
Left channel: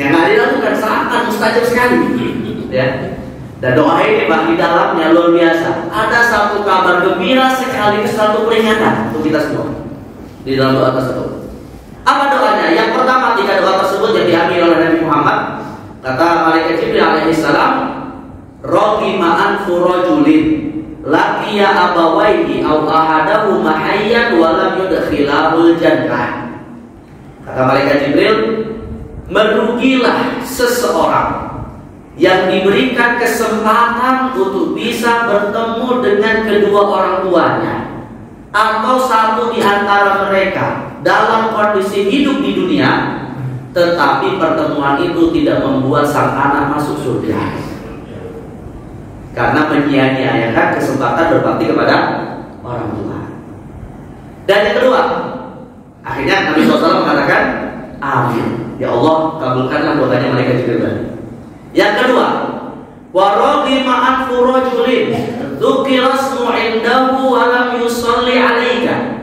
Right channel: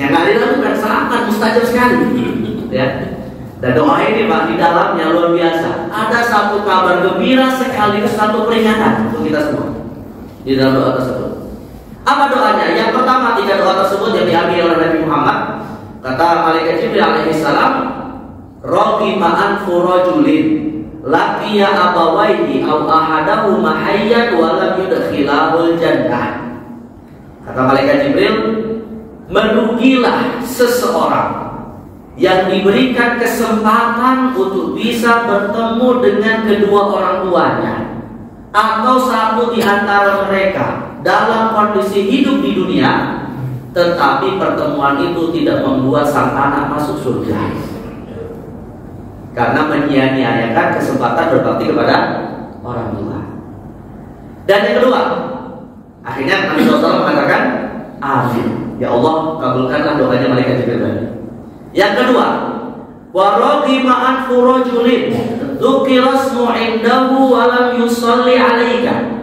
Yang nggak dilakukan sangat mustajab sekali. Ya. Dan doa ini Pak di dalamnya luar biasa. Ada satu kabar gembira sekaligus satu peringatan untuk kita semua di dalam doa tersebut. Apa doanya? Yang pertama ketika doa tersebut yang diambil oleh Nabi Muhammad, kata malaikat Jibril alaihissalam, Raghima anfu rajulin laqiya abawaihi aw ahadahuma hayyan wa lam yudkhilahul jannah. Kata malaikat Jibril, merugilah seseorang yang diberikan kesempatan untuk bisa bertemu dengan kedua orang tuanya, atau satu di antara mereka dalam kondisi hidup di dunia, tetapi pertemuan itu tidak membuat sang anak masuk surga karena menyia-nyiakan kesempatan berbakti kepada orang tua. Dan yang kedua, akhirnya Nabi SAW mengatakan, amin, ya Allah kabulkanlah doanya malaikat Jibril. Yang kedua, wa raghima anfu rajulin dzukira ismu indahu wa lam yusalli 'alaika.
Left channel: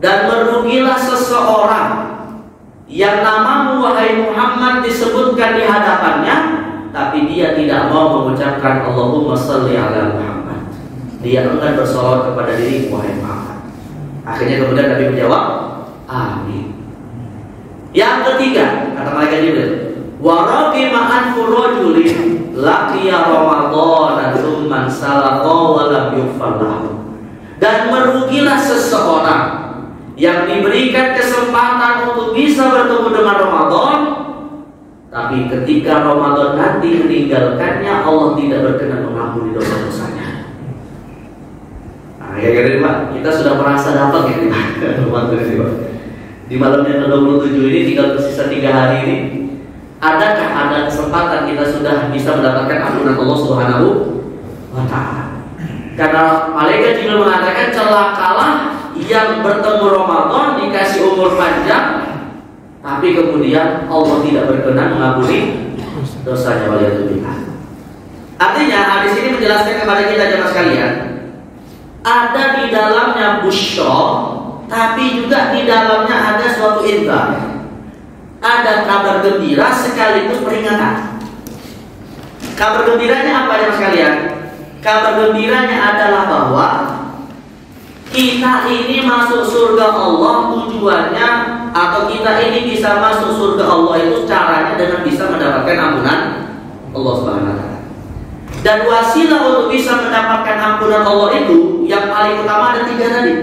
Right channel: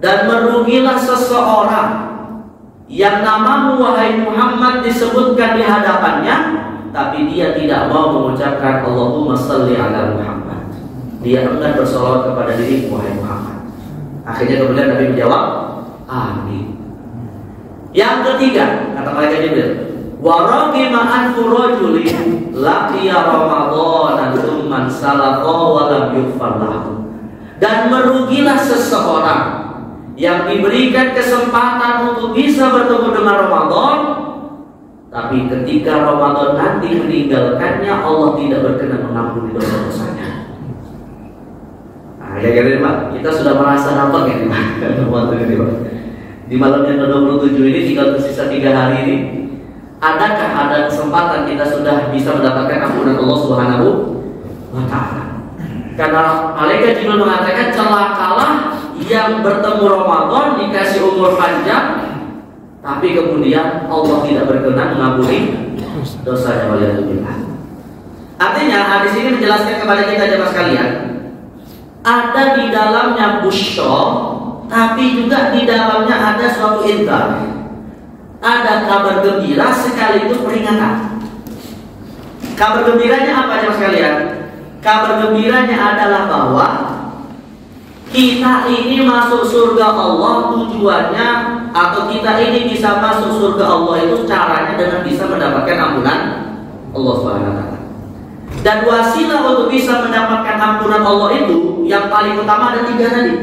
Dan merugilah seseorang yang namamu wahai Muhammad disebutkan di hadapannya, tapi dia tidak mau mengucapkan Allahumma shalli ala Muhammad. Dia enggan bersolawat kepada dirimu wahai Muhammad. Akhirnya kemudian Nabi menjawab, amin. Yang ketiga, kata malaikat Jibril, wa raghima anfu rajulin laqiya Ramadan tsumma salaqa wa lam yughfar lahu. Dan merugilah seseorang yang diberikan kesempatan untuk bisa bertemu dengan Ramadan, tapi ketika Ramadan nanti meninggalkannya, Allah tidak berkenan mengampuni dosa-dosanya. Nah, kita sudah merasa dapat ya, di malamnya ke-27 ini tinggal tersisa 3 hari ini. Adakah ada kesempatan kita sudah bisa mendapatkan ampunan Allah Subhanahu wa Ta'ala? Karena malaikat Jibril mengatakan, celakalah yang bertemu Ramadan dikasih umur panjang, tapi kemudian Allah tidak berkenan mengampuni dosanya. Waliyadzubillah. Artinya hadis ini menjelaskan kepada kita jemaah sekalian, ada di dalamnya busyra, tapi juga di dalamnya ada suatu inzar. Ada kabar gembira sekaligus peringatan. Kabar gembiranya apa jemaah sekalian? Kabar gembiranya adalah bahwa kita ini masuk surga Allah, tujuannya atau kita ini bisa masuk surga Allah itu caranya dengan bisa mendapatkan ampunan Allah Subhanahu wa Ta'ala. Dan wasilah untuk bisa mendapatkan ampunan Allah itu yang paling utama ada 3 tadi.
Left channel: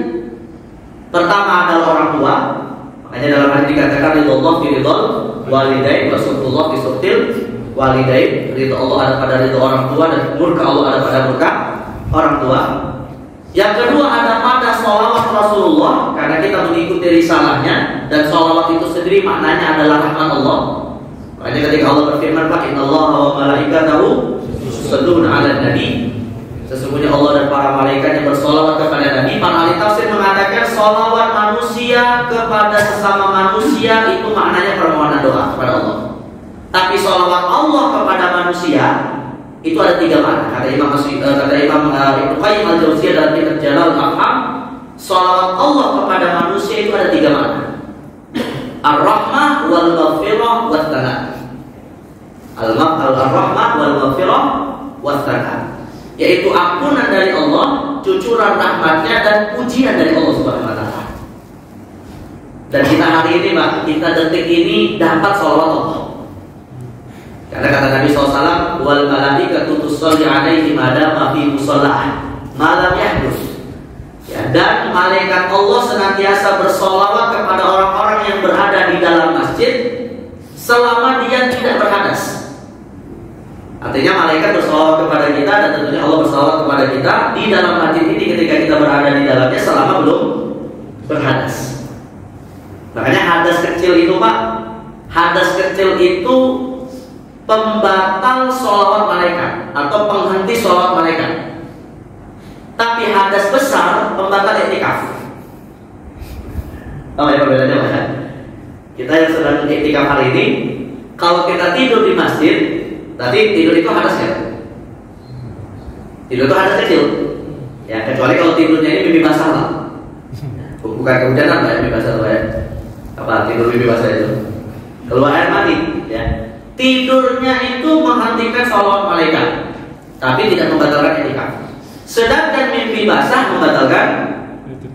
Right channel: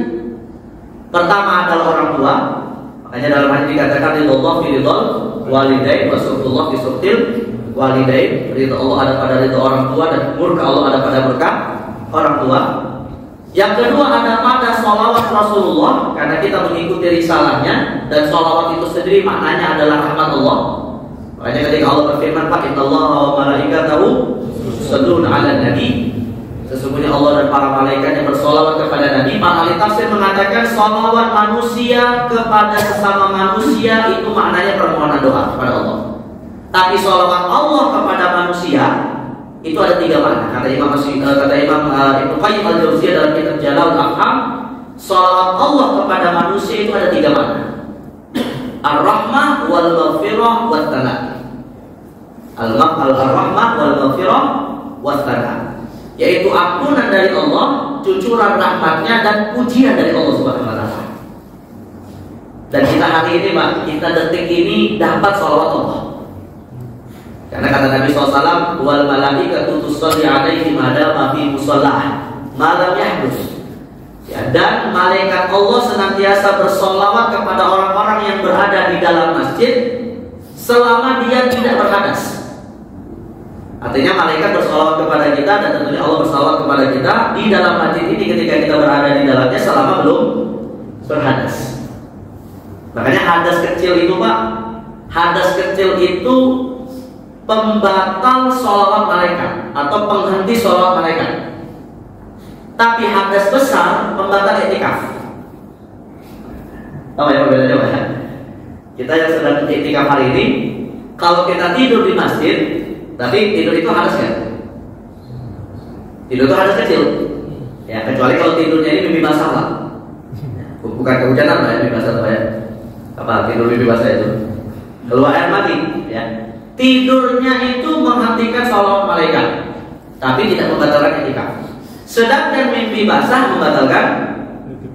Pertama adalah orang tua. Makanya dalam hadis dikatakan ridho fi ridhol walidain wa sukhullah fi sukhil walidain. Ridho Allah ada pada ridho orang tua dan murka Allah ada pada murka orang tua. Yang kedua ada pada sholawat Rasulullah, karena kita mengikuti risalahnya, dan sholawat itu sendiri maknanya adalah rahmat Allah. Makanya ketika Allah berfirman, innallaha wa malaikatahu yusholluna 'alan nabi, sesungguhnya Allah dan para malaikat yang bersolawat kepada Nabi. Para ahli tafsir mengatakan solawat manusia kepada sesama manusia itu maknanya permohonan doa kepada Allah. Tapi solawat Allah kepada manusia itu ada 3 makna. Kata Imam Ibnu Qayyim al-Jauziyah dalam kitab Jalalatul Afham, solawat Allah kepada manusia itu ada 3 makna: ar-rahmah wal maghfirah wat tsana. Al-rahmah wal maghfirah wat tsana, yaitu ampunan dari Allah, cucuran rahmatnya, dan pujian dari Allah Subhanahu wa Ta'ala. Dan kita hari ini, Pak, kita detik ini dapat sholawat Allah. Karena kata Nabi SAW, wal malaikatu tusalli 'alaihi ma dama fi musallah ma lam yahdus. Ya, dan malaikat Allah senantiasa bersolawat kepada orang-orang yang berada di dalam masjid selama dia tidak berhadas. Artinya malaikat bersolawat kepada kita, dan tentunya Allah bersolawat kepada kita di dalam masjid ini ketika kita berada di dalamnya selama belum berhadas. Makanya hadas kecil itu, Pak, hadas kecil itu pembatal sholawat malaikat atau penghenti sholawat malaikat. Tapi hadas besar pembatal i'tikaf. Oh ya, perbedaannya Pak. Kita yang sedang i'tikaf hari ini, kalau kita tidur di masjid, tadi tidur itu hadas ya? Tidur itu hadas kecil. Ya, kecuali kalau tidurnya ini mimpi basah lah. Bukan kehujanan Pak, mimpi basah ya. Apa tidur mimpi basah itu? Keluar air mani, ya. Tidurnya itu menghentikan sholawat malaikat, tapi tidak membatalkan i'tikaf. Sedangkan mimpi basah membatalkan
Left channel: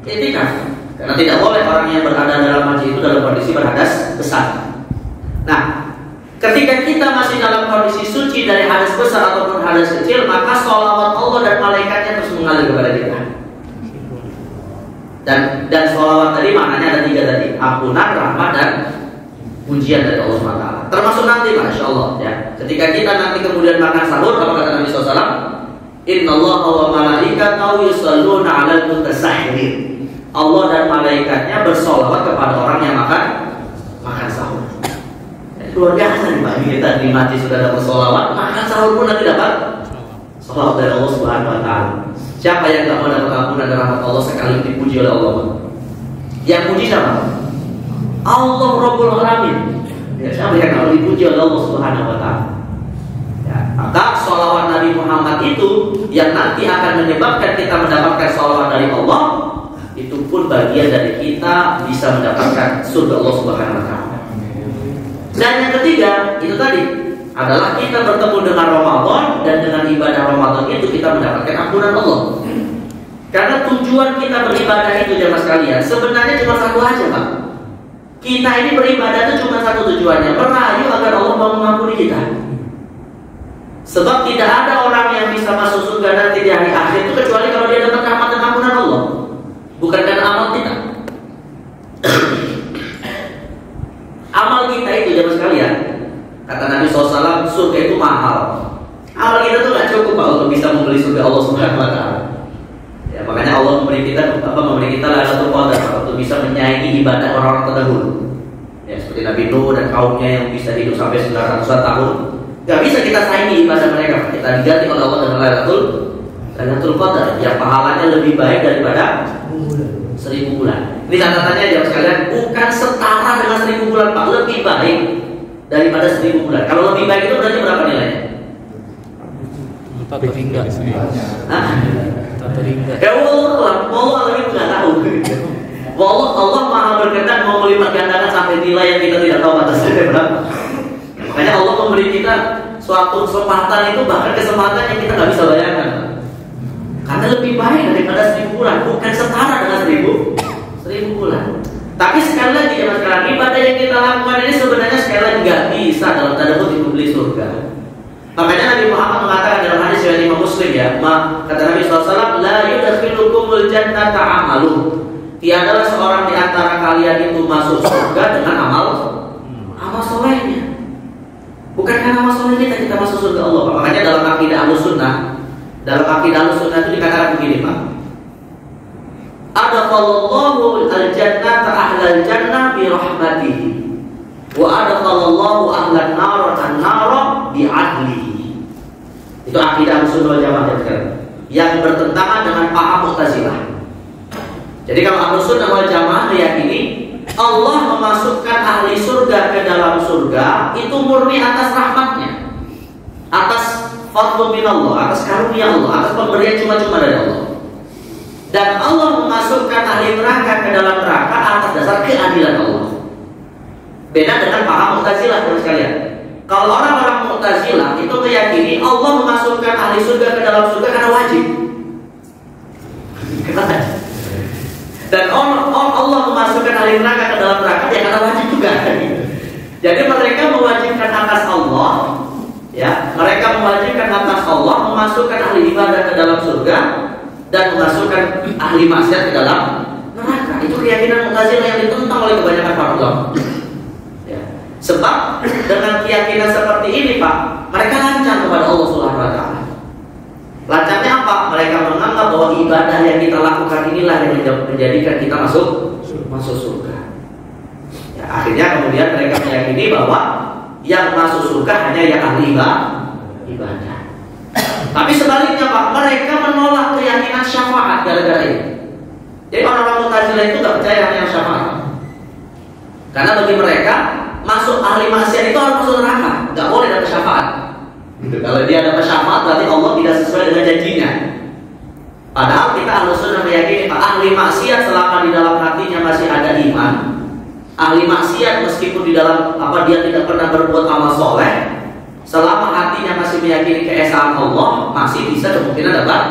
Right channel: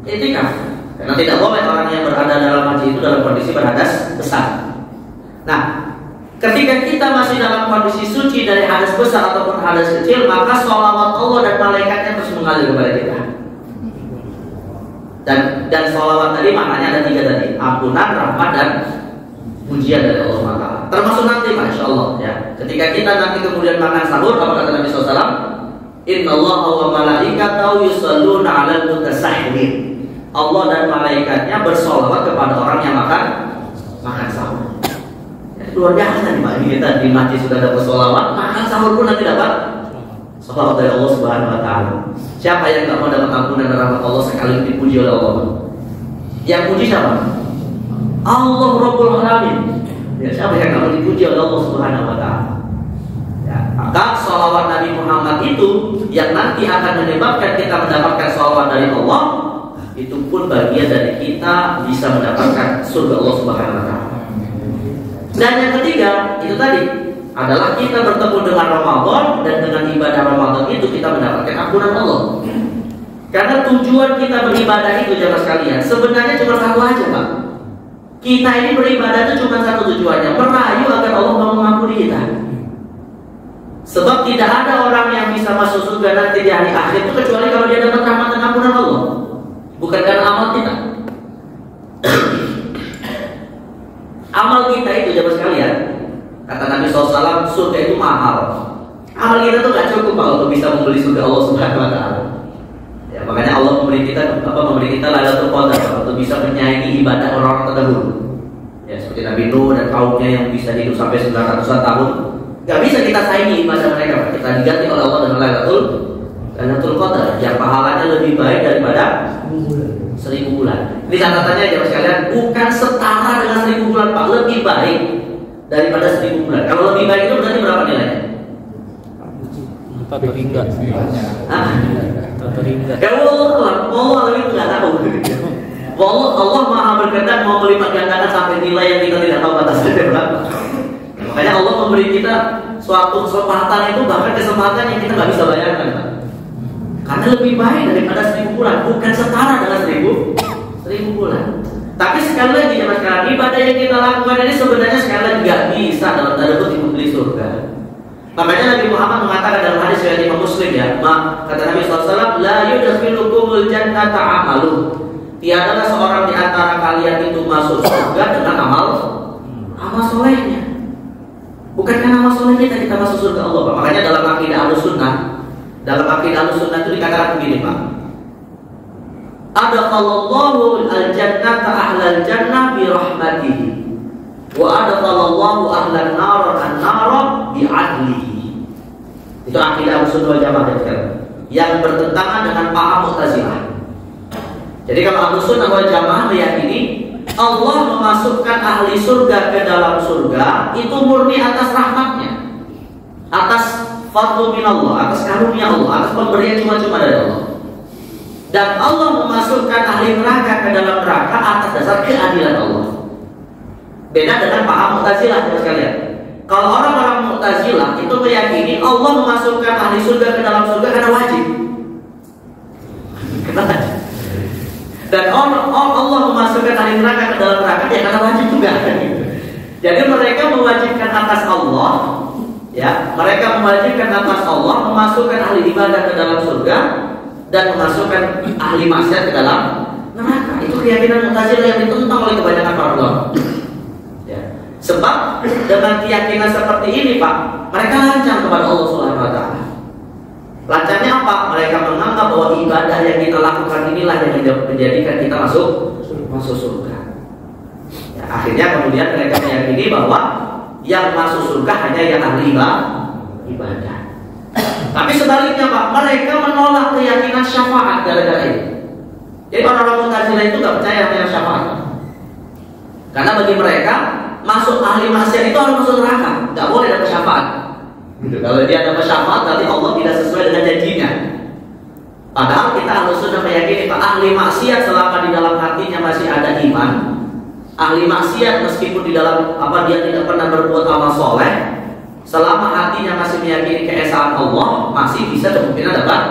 i'tikaf, karena tidak boleh orang yang berada dalam masjid itu dalam kondisi berhadas besar. Nah, Ketika kita masih dalam kondisi suci dari hadas besar ataupun hadas kecil, maka sholawat Allah dan malaikatnya terus mengalir kepada kita. Dan sholawat tadi maknanya ada 3 tadi: ampunan, rahmat, dan pujian dari Allah SWT. Termasuk nanti, masya Allah ya. Ketika kita nanti kemudian makan sahur, apa kata Nabi SAW? Innallaha wa malaikatahu yusholluna 'alal mutasahhirin. Allah dan malaikatnya bersolawat kepada orang yang makan sahur. Luar biasa nih Pak, ini kita di masjid sudah dapat sholawat, makan sahur pun nanti dapat sholawat dari Allah Subhanahu Wa Taala. Siapa yang tidak mau dapat ampunan dan rahmat Allah sekali dipuji oleh Allah? Yang puji siapa? Allah Rabbul Alamin. Ya, siapa yang tidak mau dipuji oleh Allah Subhanahu Wa Taala? Ya, maka sholawat Nabi Muhammad itu yang nanti akan menyebabkan kita mendapatkan sholawat dari Allah, itu pun bagian dari kita bisa mendapatkan surga Allah Subhanahu Wa Taala. Dan yang ketiga, itu tadi adalah kita bertemu dengan Ramadan, dan dengan ibadah Ramadan itu kita mendapatkan ampunan Allah. Karena tujuan kita beribadah itu jemaah sekalian sebenarnya cuma satu aja Pak. Kita ini beribadah itu cuma satu tujuannya, merayu agar Allah mau mengampuni kita. Sebab tidak ada orang yang bisa masuk surga nanti di hari akhir itu kecuali kalau dia dapat rahmat dan ampunan Allah, bukan karena amal kita. Amal kita itu jemaah sekalian, kata Nabi SAW, surga itu mahal. Amal kita tuh gak cukup Pak untuk bisa membeli surga Allah Subhanahu Wa Taala. Ya, makanya Allah memberi kita Lailatul Qadar untuk bisa menyayangi ibadah orang-orang terdahulu. Ya, seperti Nabi Nuh dan kaumnya yang bisa hidup sampai 900-an tahun. Gak bisa kita saingi ibadah mereka. Kita diganti oleh Allah dengan Lailatul Qadar yang pahalanya lebih baik daripada 1000 bulan. Ini catatannya jemaah sekalian, bukan setara dengan 1000 bulan Pak, lebih baik daripada 1000 bulan. Kalau lebih baik itu berarti berapa nilainya? 4 hingga. Ya Allah itu nggak tahu. Allah maha berkenan mau melipat gandakan sampai nilai yang kita tidak tahu batasnya berapa. Makanya Allah memberi kita suatu kesempatan itu, bahkan kesempatan yang kita nggak bisa bayangkan. Karena lebih baik daripada 1000 bulan, bukan setara dengan 1000 bulan. Tapi sekali lagi jemaah sekalian, ibadah yang kita lakukan ini sebenarnya sekali lagi nggak bisa dalam tanda kutip membeli surga. Makanya Nabi Muhammad mengatakan dalam hadis riwayat Imam Muslim ya, kata Nabi SAW, la yudkhilukumul jannata amalu. Tiadalah seorang di antara kalian itu masuk surga dengan amal solehnya. Bukan karena amal soleh kita masuk surga Allah. Makanya dalam akidah Ahlussunnah, itu dikatakan begini Pak. Adakhallallahu al-jannata ahlal jannah bi rahmatihi wa adakhallallahu ahlan nar an-nara bi adlihi. Itu akidah Ahlussunnah wal Jamaah yang bertentangan dengan paham Mu'tazilah. Jadi kalau Ahlussunnah wal Jamaah meyakini Allah memasukkan ahli surga ke dalam surga itu murni atas rahmatnya, atas fadlu minallah, atas karunia Allah, atas pemberian cuma-cuma dari Allah. Dan Allah memasukkan ahli neraka ke dalam neraka atas dasar keadilan Allah. Beda dengan paham Mu'tazilah sekalian. Kalau orang-orang Mu'tazilah itu meyakini Allah memasukkan ahli surga ke dalam surga karena wajib. Dan Allah memasukkan ahli neraka ke dalam neraka ya karena wajib juga. Jadi mereka mewajibkan atas Allah, ya, mereka mewajibkan atas Allah memasukkan ahli ibadah ke dalam surga dan memasukkan ahli maksiat ke dalam neraka. Itu keyakinan Mu'tazilah yang ditentang oleh kebanyakan para ulama. Ya. Sebab dengan keyakinan seperti ini Pak, mereka lancang kepada Allah Subhanahu Wa Taala. Lancangnya apa? Mereka menganggap bahwa ibadah yang kita lakukan inilah yang menjadikan kita masuk surga. Ya, akhirnya kemudian mereka meyakini bahwa yang masuk surga hanya yang ahli ibadah. Tapi sebaliknya Pak, mereka menolak keyakinan syafaat gara-gara ini. Jadi orang-orang Mu'tazilah itu nggak percaya dengan syafaat. Karena bagi mereka masuk ahli maksiat itu harus masuk neraka, nggak boleh dapat syafaat. Gitu. Kalau dia dapat syafaat berarti Allah tidak sesuai dengan janjinya. Padahal kita Ahlussunnah meyakini Pak, ahli maksiat selama di dalam hatinya masih ada iman, ahli maksiat meskipun di dalam dia tidak pernah berbuat amal soleh, selama hatinya masih meyakini keesaan Allah, masih bisa kemungkinan dapat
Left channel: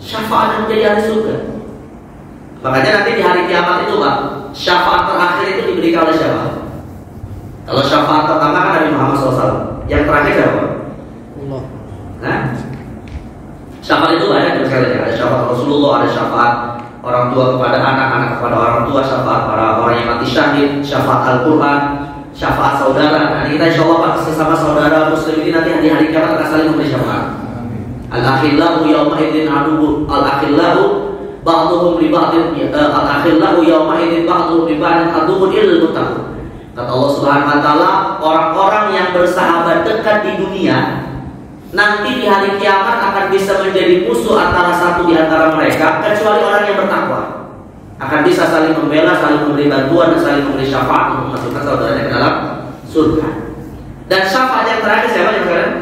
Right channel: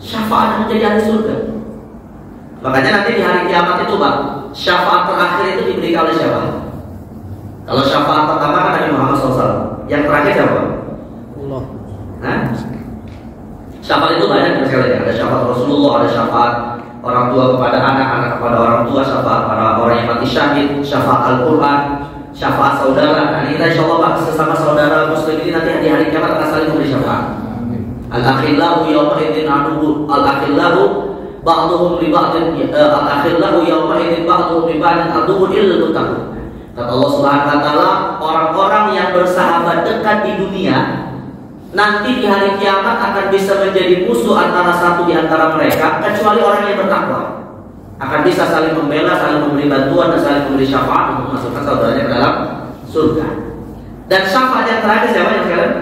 syafaat menjadi ahli surga. Makanya nanti di hari kiamat itu Pak, syafaat terakhir itu diberikan oleh siapa? Kalau syafaat pertama kan Nabi Muhammad SAW. Yang terakhir siapa? Allah. Nah, syafaat itu banyak sekali. Ada syafaat Rasulullah, ada syafaat orang tua kepada anak, anak kepada orang tua, syafaat para orang yang mati syahid, syafaat Al-Quran, syafaat saudara. Nah, kita insya Allah sesama saudara Muslim ini nanti di hari kiamat akan saling memberi syafaat. Al-akhillahu yawma idzin aduwwu al-akhillahu ba'dhum li ba'din al-akhillahu yawma idzin ba'dhum li ba'din aduwwun illa muttaqun. Kata Allah Subhanahu wa taala, orang-orang yang bersahabat dekat di dunia nanti di hari kiamat akan bisa menjadi musuh antara satu di antara mereka kecuali orang yang bertakwa. Akan bisa saling membela, saling memberi bantuan dan saling memberi syafaat untuk memasukkan saudaranya ke dalam surga. Dan syafaat yang terakhir siapa yang kalian?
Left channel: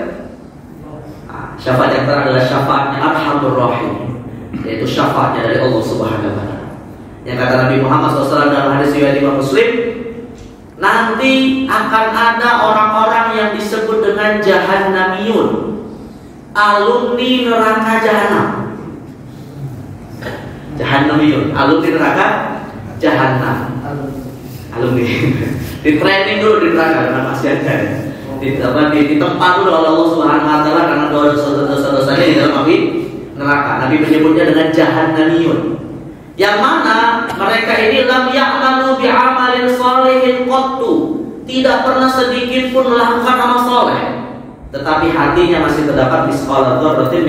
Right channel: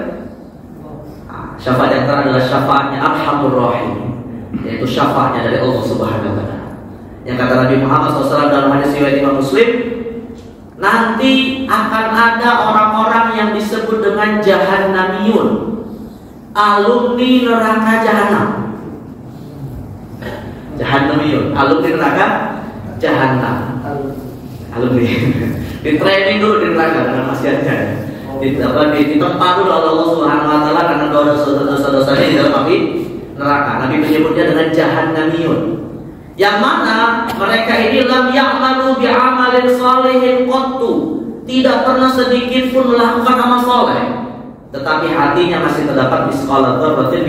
Syafaat yang terakhir adalah syafaatnya Arhamur Rahim, yaitu syafaatnya dari Allah Subhanahu wa taala. Yang kata Nabi Muhammad SAW dalam hadis riwayat Imam Muslim, nanti akan ada orang-orang yang disebut dengan Jahannamiyun, alumni neraka Jahannam. Jahannamiyun, alumni neraka Jahannam. Alumni. Di training dulu di neraka dengan maksiatnya. Di tempat dulu oleh Allah Subhanahu wa taala karena dosa-dosanya di dalam api neraka. Nabi menyebutnya dengan Jahannamiyun. Yang mana mereka ini lam ya'malu bi'amalin shalihin qattu, tidak pernah sedikit pun melakukan amal soleh, tetapi hatinya masih terdapat misqala dzarratin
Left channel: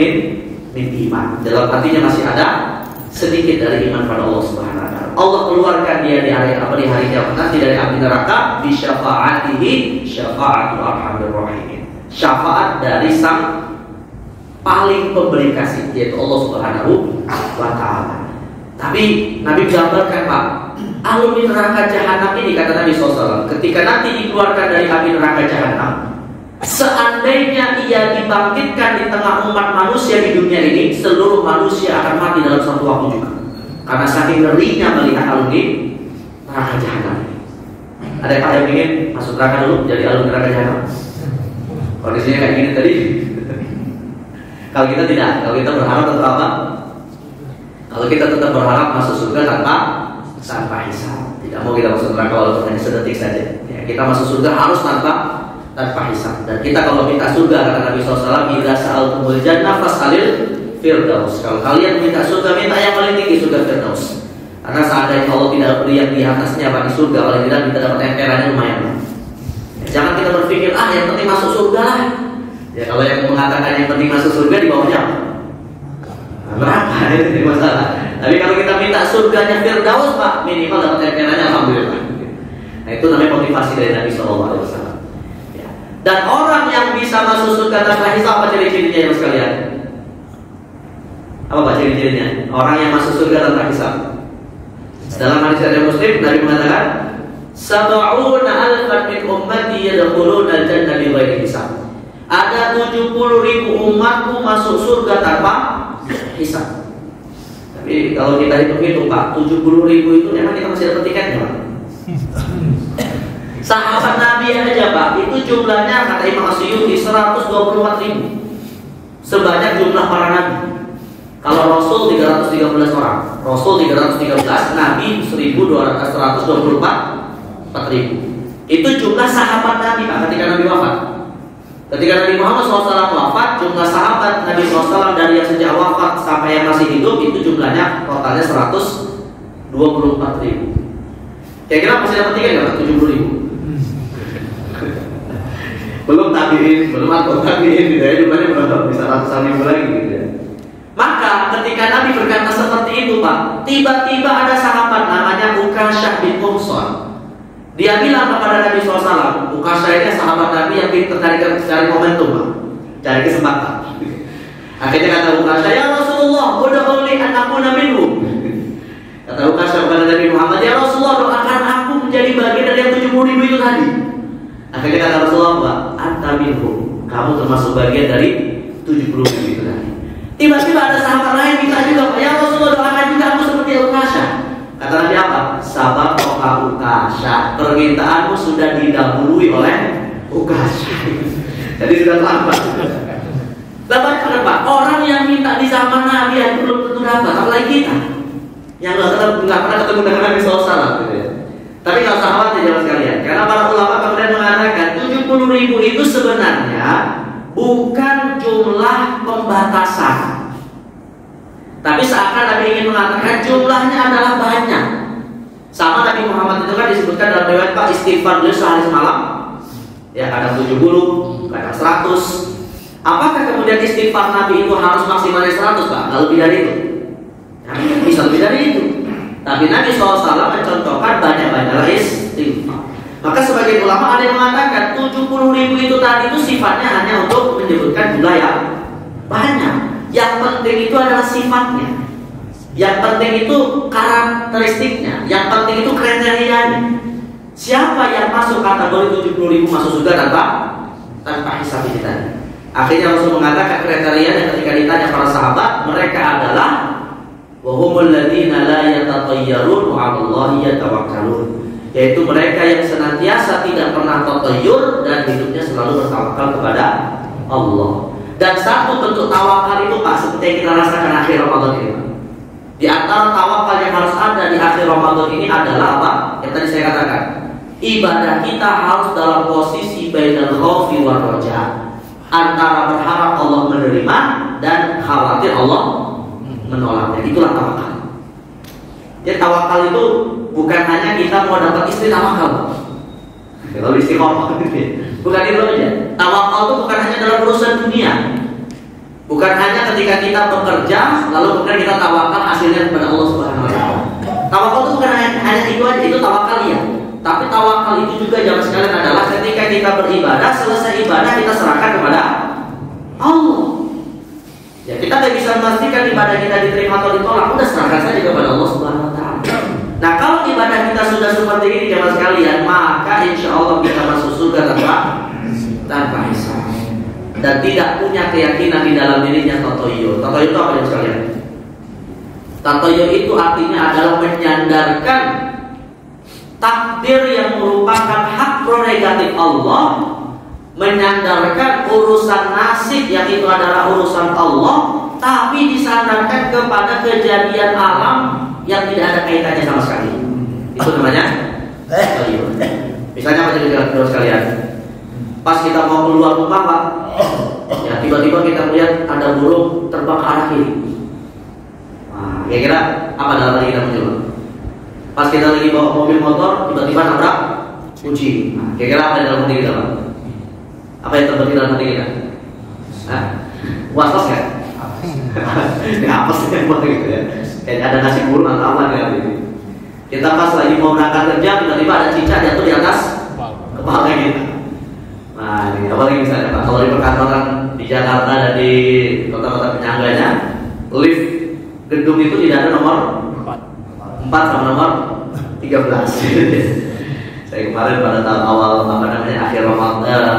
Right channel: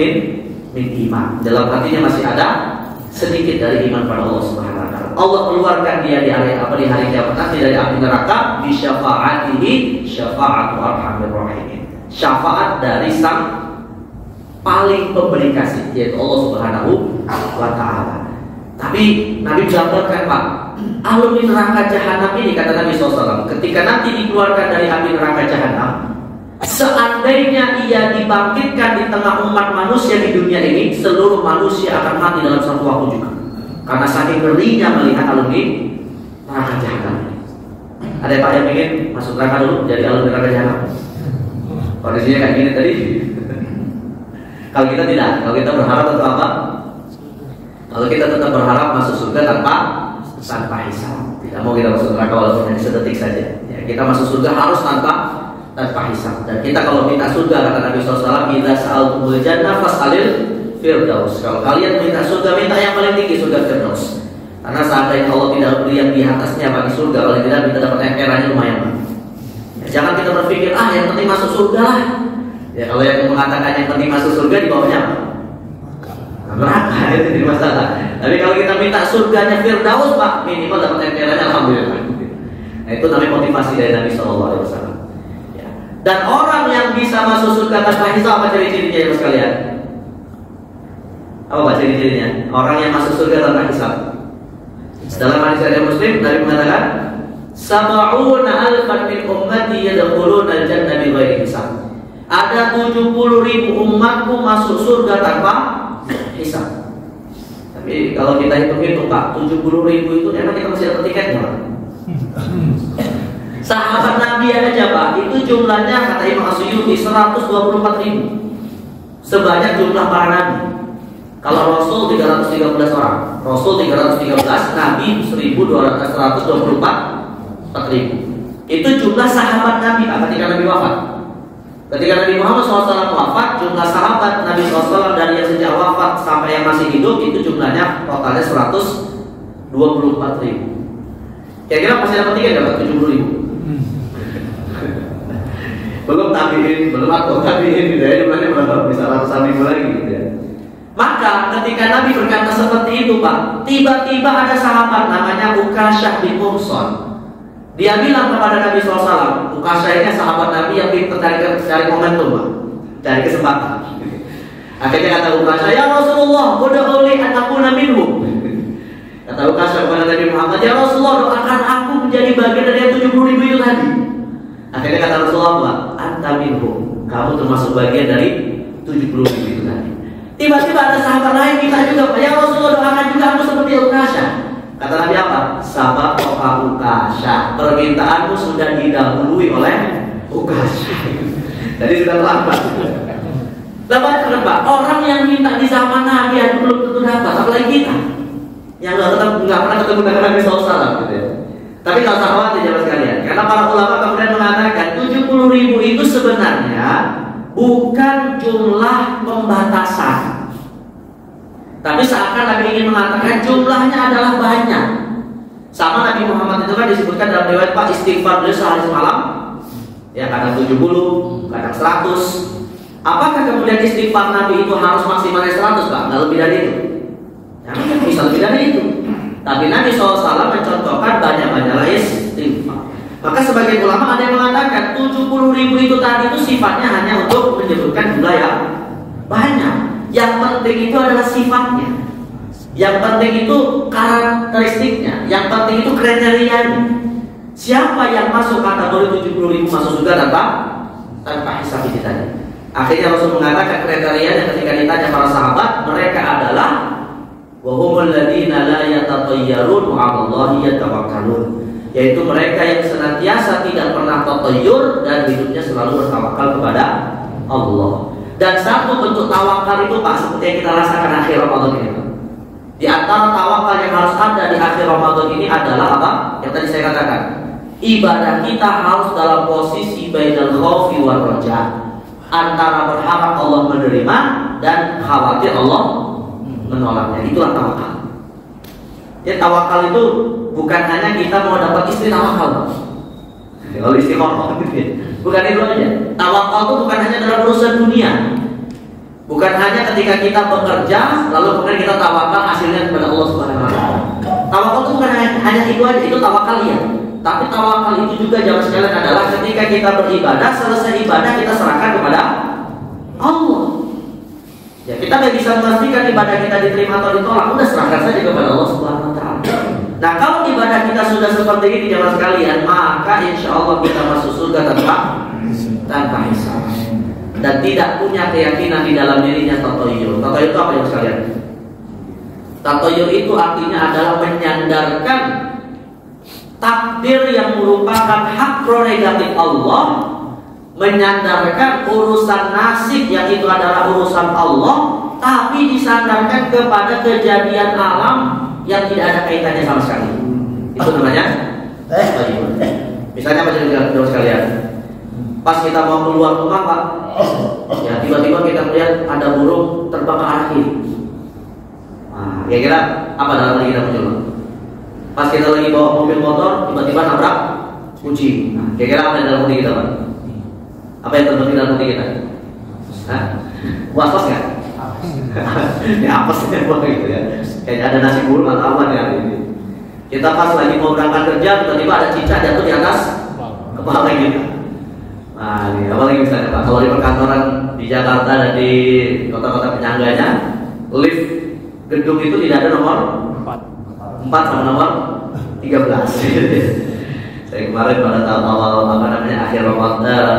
min iman. Dalam hatinya masih ada sedikit dari iman pada Allah Subhanahu wa taala. Allah keluarkan dia di hari kiamat nanti dari api neraka bi syafaatihi syafaatu arhamir rahimin. Syafaat dari sang paling pemberi kasih, yaitu Allah Subhanahu wa taala. Tapi Nabi gambarkan, Pak, alumni neraka Jahannam ini, kata Nabi SAW, ketika nanti dikeluarkan dari api neraka Jahannam, seandainya ia dibangkitkan di tengah umat manusia di dunia ini, seluruh manusia akan mati dalam satu waktu juga. Karena saking ngerinya melihat alumni neraka Jahannam. Ada yang Pak yang ingin masuk neraka dulu jadi alumni neraka Jahannam? Kondisinya kayak gini tadi. Kalau kita tidak, kalau kita berharap untuk apa? Kalau kita tetap berharap masuk surga tanpa hisab, tidak mau kita masuk neraka walaupun hanya sedetik saja. Ya, kita masuk surga harus tanpa hisab. Dan kita kalau minta surga, kata Nabi SAW, idza sa'altumul jannah fas'alil firdaus. Kalau kalian minta surga, minta yang paling tinggi, surga firdaus. Karena seandainya Allah tidak beri yang di atasnya bagi surga, paling tidak kita dapat emperannya lumayan. Ya, jangan kita berpikir yang penting masuk surga. Ya, kalau yang mengatakan yang penting masuk surga, di bawahnya neraka, itu jadi masalah. Tapi kalau kita minta surganya firdaus, Pak, minimal dapat emperannya, alhamdulillah. Nah, itu namanya motivasi dari Nabi SAW. Ya. Dan orang yang bisa masuk surga tanpa hisab, apa ciri-cirinya ya sekalian? Apa Pak ciri-cirinya? Orang yang masuk surga tanpa hisab. Dalam hadis riwayat Muslim, Nabi mengatakan, sab'una alfan min ummati yadkhuluna al-jannah bighairi hisab. Ada 70.000 umatku masuk surga tanpa hisab. Tapi kalau kita hitung-hitung, Pak, 70.000 itu memang kita masih dapat tiketnya, Pak. Sahabat Nabi aja, Pak, itu jumlahnya kata Imam Asy'ari 124.000. Sebanyak jumlah para nabi. Kalau Rasul 313 orang, Rasul 313, Nabi 124.000. Itu jumlah sahabat Nabi, Pak, ketika Nabi wafat. Ketika Nabi Muhammad SAW wafat, jumlah sahabat Nabi SAW dari yang sejak wafat sampai yang masih hidup itu jumlahnya totalnya 124.000. Kira-kira masih dapat tiket nggak? 70.000. Belum tabiin, belum aku tabiin, jumlahnya berapa? Bisa ratusan ribu lagi gitu ya. Maka ketika Nabi berkata seperti itu, Pak, tiba-tiba ada sahabat namanya Ukasyah bin Muhsan. Dia bilang kepada Nabi SAW, Ukasyah ini sahabat Nabi yang pintar cari momentum, Pak, cari kesempatan. Akhirnya kata Ukasyah, ya Rasulullah, ud'uli an akuna minhum. Kata Ukasyah kepada Nabi Muhammad, ya Rasulullah, doakan aku menjadi bagian dari yang 70.000 itu tadi. Akhirnya kata Rasulullah, anta minhum, kamu termasuk bagian dari 70.000 itu tadi. Tiba-tiba ada sahabat lain minta juga, ya Rasulullah, doakan juga aku seperti Ukasyah. Kata Nabi apa? Sabar Ukasyah, permintaanmu sudah didahului oleh Ukasyah. Jadi sudah terlambat. Lepas kenapa? Orang yang minta di zaman Nabi itu belum tentu dapat, apalagi kita yang nggak pernah ketemu dengan Nabi SAW, gitu ya. Tapi nggak usah khawatir, jangan sekalian, karena para ulama kemudian mengatakan Nabi Muhammad itu kan disebutkan dalam riwayat Pak, istighfar beliau sehari semalam ya kadang 70, kadang 100. Apakah kemudian istighfar Nabi itu harus maksimalnya 100 Pak? Nggak lebih dari itu? Ya, bisa lebih dari itu. Tapi Nabi SAW mencontohkan banyak-banyaklah istighfar. Maka sebagai ulama ada yang mengatakan 70.000 itu tadi itu sifatnya hanya untuk menyebutkan jumlah yang banyak. Yang penting itu adalah sifatnya. Yang penting itu karakteristiknya. Yang penting itu kriterianya. Siapa yang masuk kategori 70.000 masuk surga tanpa hisab kita. Akhirnya Rasul mengatakan kriterianya ketika ditanya para sahabat, mereka adalah wa humul ladzina la yatatayyarun wa 'alallahi yatawakkalun. Yaitu mereka yang senantiasa tidak pernah tatayyur dan hidupnya selalu bertawakal kepada Allah. Dan satu bentuk tawakal itu Pak, seperti yang kita rasakan akhir Ramadan ini. Di antara tawakal yang harus ada di akhir Ramadan ini adalah apa? Yang tadi saya katakan. Ibadah kita harus dalam posisi bainal khaufi war raja. Antara berharap Allah menerima dan khawatir Allah menolaknya. Itulah tawakal. Ya, tawakal itu bukan hanya kita mau dapat istri tawakal. Kalau istiqomah bukan itu aja. Tawakal itu bukan hanya dalam urusan dunia. Bukan hanya ketika kita bekerja lalu kemudian kita tawakal hasilnya kepada Allah Subhanahu wa taala. Tawakal itu bukan hanya itu aja, itu tawakal ya. Tapi tawakal itu juga jangan sekalian adalah ketika kita beribadah, selesai ibadah kita serahkan kepada Allah. Ya, kita tidak bisa memastikan ibadah kita diterima atau ditolak, udah serahkan saja kepada Allah Subhanahu wa taala. Nah, kalau ibadah kita sudah seperti ini jemaah sekalian, maka insya Allah kita masuk surga tanpa hisab. Dan tidak punya keyakinan di dalam dirinya tatoyur. Tatoyur itu apa jemaah sekalian? Tatoyur itu artinya adalah menyandarkan takdir yang merupakan hak prerogatif Allah, menyandarkan urusan nasib yang itu adalah urusan Allah, tapi disandarkan kepada kejadian alam yang tidak ada kaitannya sama sekali. Itu namanya tatoyur. Misalnya apa jemaah sekalian? Pas kita mau keluar rumah Pak, ya tiba-tiba kita melihat ada burung terbang ke arah kiri. Nah, kira-kira apa dalam hati kita muncul? Pas kita lagi bawa mobil motor, tiba-tiba nabrak kunci. Nah, kira-kira apa yang dalam hati kita? Apa yang terjadi dalam hati kita? Was-was nggak? Ya apa sih yang gitu ya? Kayak ada nasi burung atau apa ya? Kita pas lagi mau berangkat kerja, tiba-tiba ada cicak jatuh di atas kepala kita. Nah, ini apalagi misalnya Pak, kalau di perkantoran di Jakarta dan di kota-kota penyangganya, lift gedung itu tidak ada nomor 4 sama nomor 13. Saya kemarin pada tahun awal akhir Ramadan,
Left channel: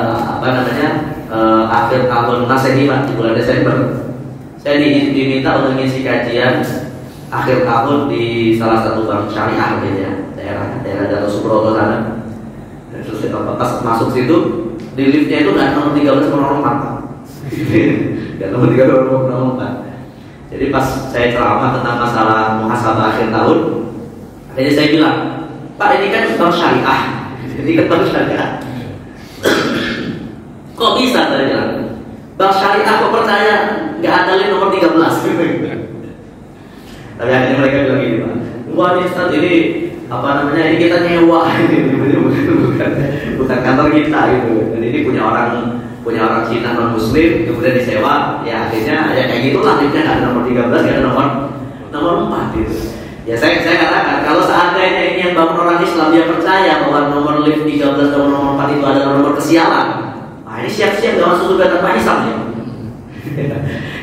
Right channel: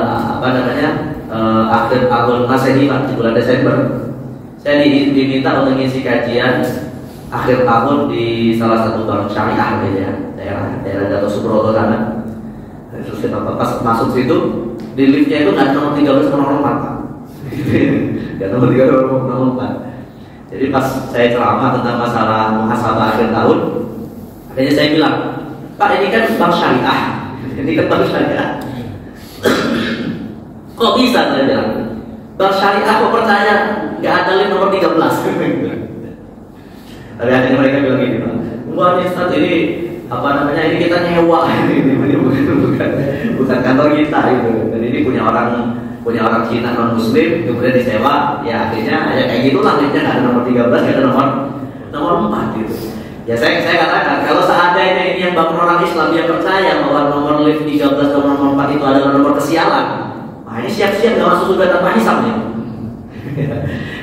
akhir tahun Masehi Pak, di bulan Desember, saya diminta untuk ngisi kajian akhir tahun di salah satu bank syariah ya, daerah Dato Subroto sana. Terus pas masuk situ di liftnya itu nggak nomor 13 nomor 4. Nggak nomor 13 nomor 4. Jadi pas saya ceramah tentang masalah muhasabah akhir tahun, akhirnya saya bilang, Pak ini kan bank syariah, ini kan bank syariah. Kok bisa saya bilang? Bank syariah kok percaya nggak ada lift nomor 13? Tapi akhirnya mereka bilang gini Pak, wah ini Ustaz ini ini kita nyewa bukan kantor kita gitu. Dan ini punya orang Cina non Muslim kemudian disewa, ya akhirnya ya kayak gitulah liftnya nggak ada nomor 13, nggak ada nomor 4 gitu. Ya saya katakan kalau seandainya ini yang bangun orang Islam dia percaya bahwa nomor lift 13 dan nomor 4 itu adalah nomor kesialan, nah ini siap-siap nggak masuk surga tanpa hisab ya.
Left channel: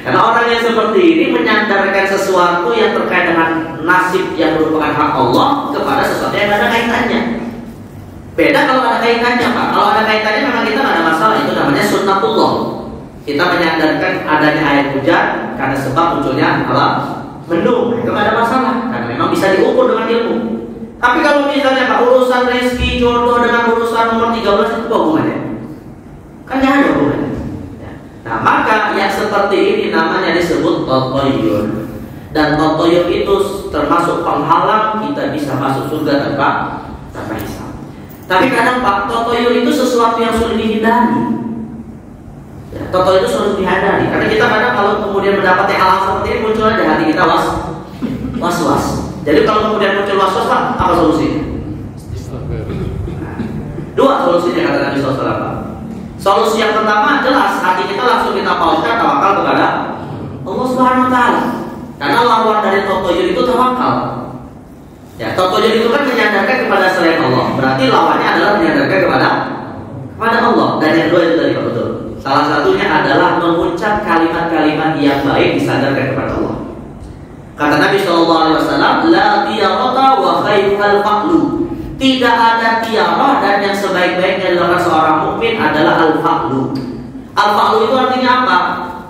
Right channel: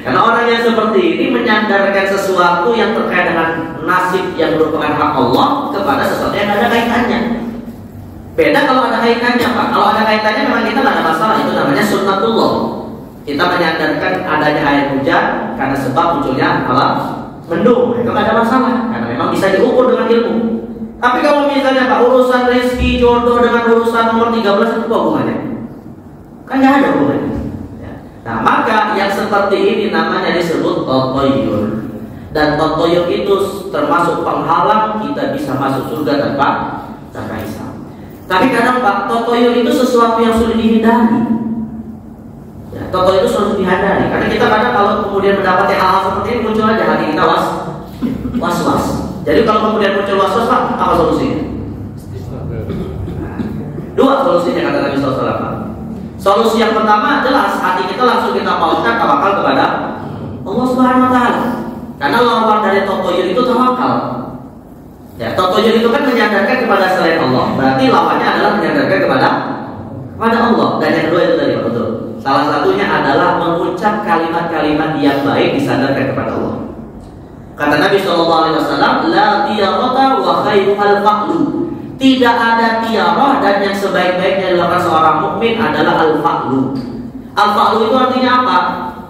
Karena orang yang seperti ini menyandarkan sesuatu yang terkait dengan nasib yang merupakan hak Allah kepada sesuatu yang ada kaitannya. Beda kalau ada kaitannya Pak. Kalau ada kaitannya memang kita nggak ada masalah. Itu namanya sunnatullah. Kita menyandarkan adanya air hujan karena sebab munculnya apa? Mendung. Itu nggak ada masalah. Karena memang bisa diukur dengan ilmu. Tapi kalau misalnya Pak urusan rezeki jodoh dengan urusan nomor 13 itu apa hubungannya? Kan nggak ada hubungannya. Nah maka yang seperti ini namanya disebut tatoyur. Dan tatoyur itu termasuk penghalang kita bisa masuk surga tanpa hisab. Tapi kadang Pak, tatoyur itu sesuatu yang sulit dihindari. Ya, tatoyur itu sulit dihindari. Karena kita kadang kalau kemudian mendapati hal seperti ini muncul aja hati kita was-was. Jadi kalau kemudian muncul was-was Pak, apa solusinya? solusinya kata Nabi SAW? Solusi yang pertama jelas, hati kita langsung kita pautkan tawakal kepada Allah Subhanahu Wa Taala. Karena lawan dari tatoyun itu tawakal. Ya, tatoyun itu kan menyandarkan kepada selain Allah. Berarti lawannya adalah menyandarkan kepada Allah. Dan yang kedua itu tadi betul. Salah satunya adalah mengucap kalimat-kalimat yang baik disandarkan kepada Allah. Kata Nabi SAW, la tiyarata wa khairul fa'lu. Tidak ada tiarah dan yang sebaik-baiknya dilakukan seorang mukmin adalah al-fa'lu. Al-fa'lu itu artinya apa?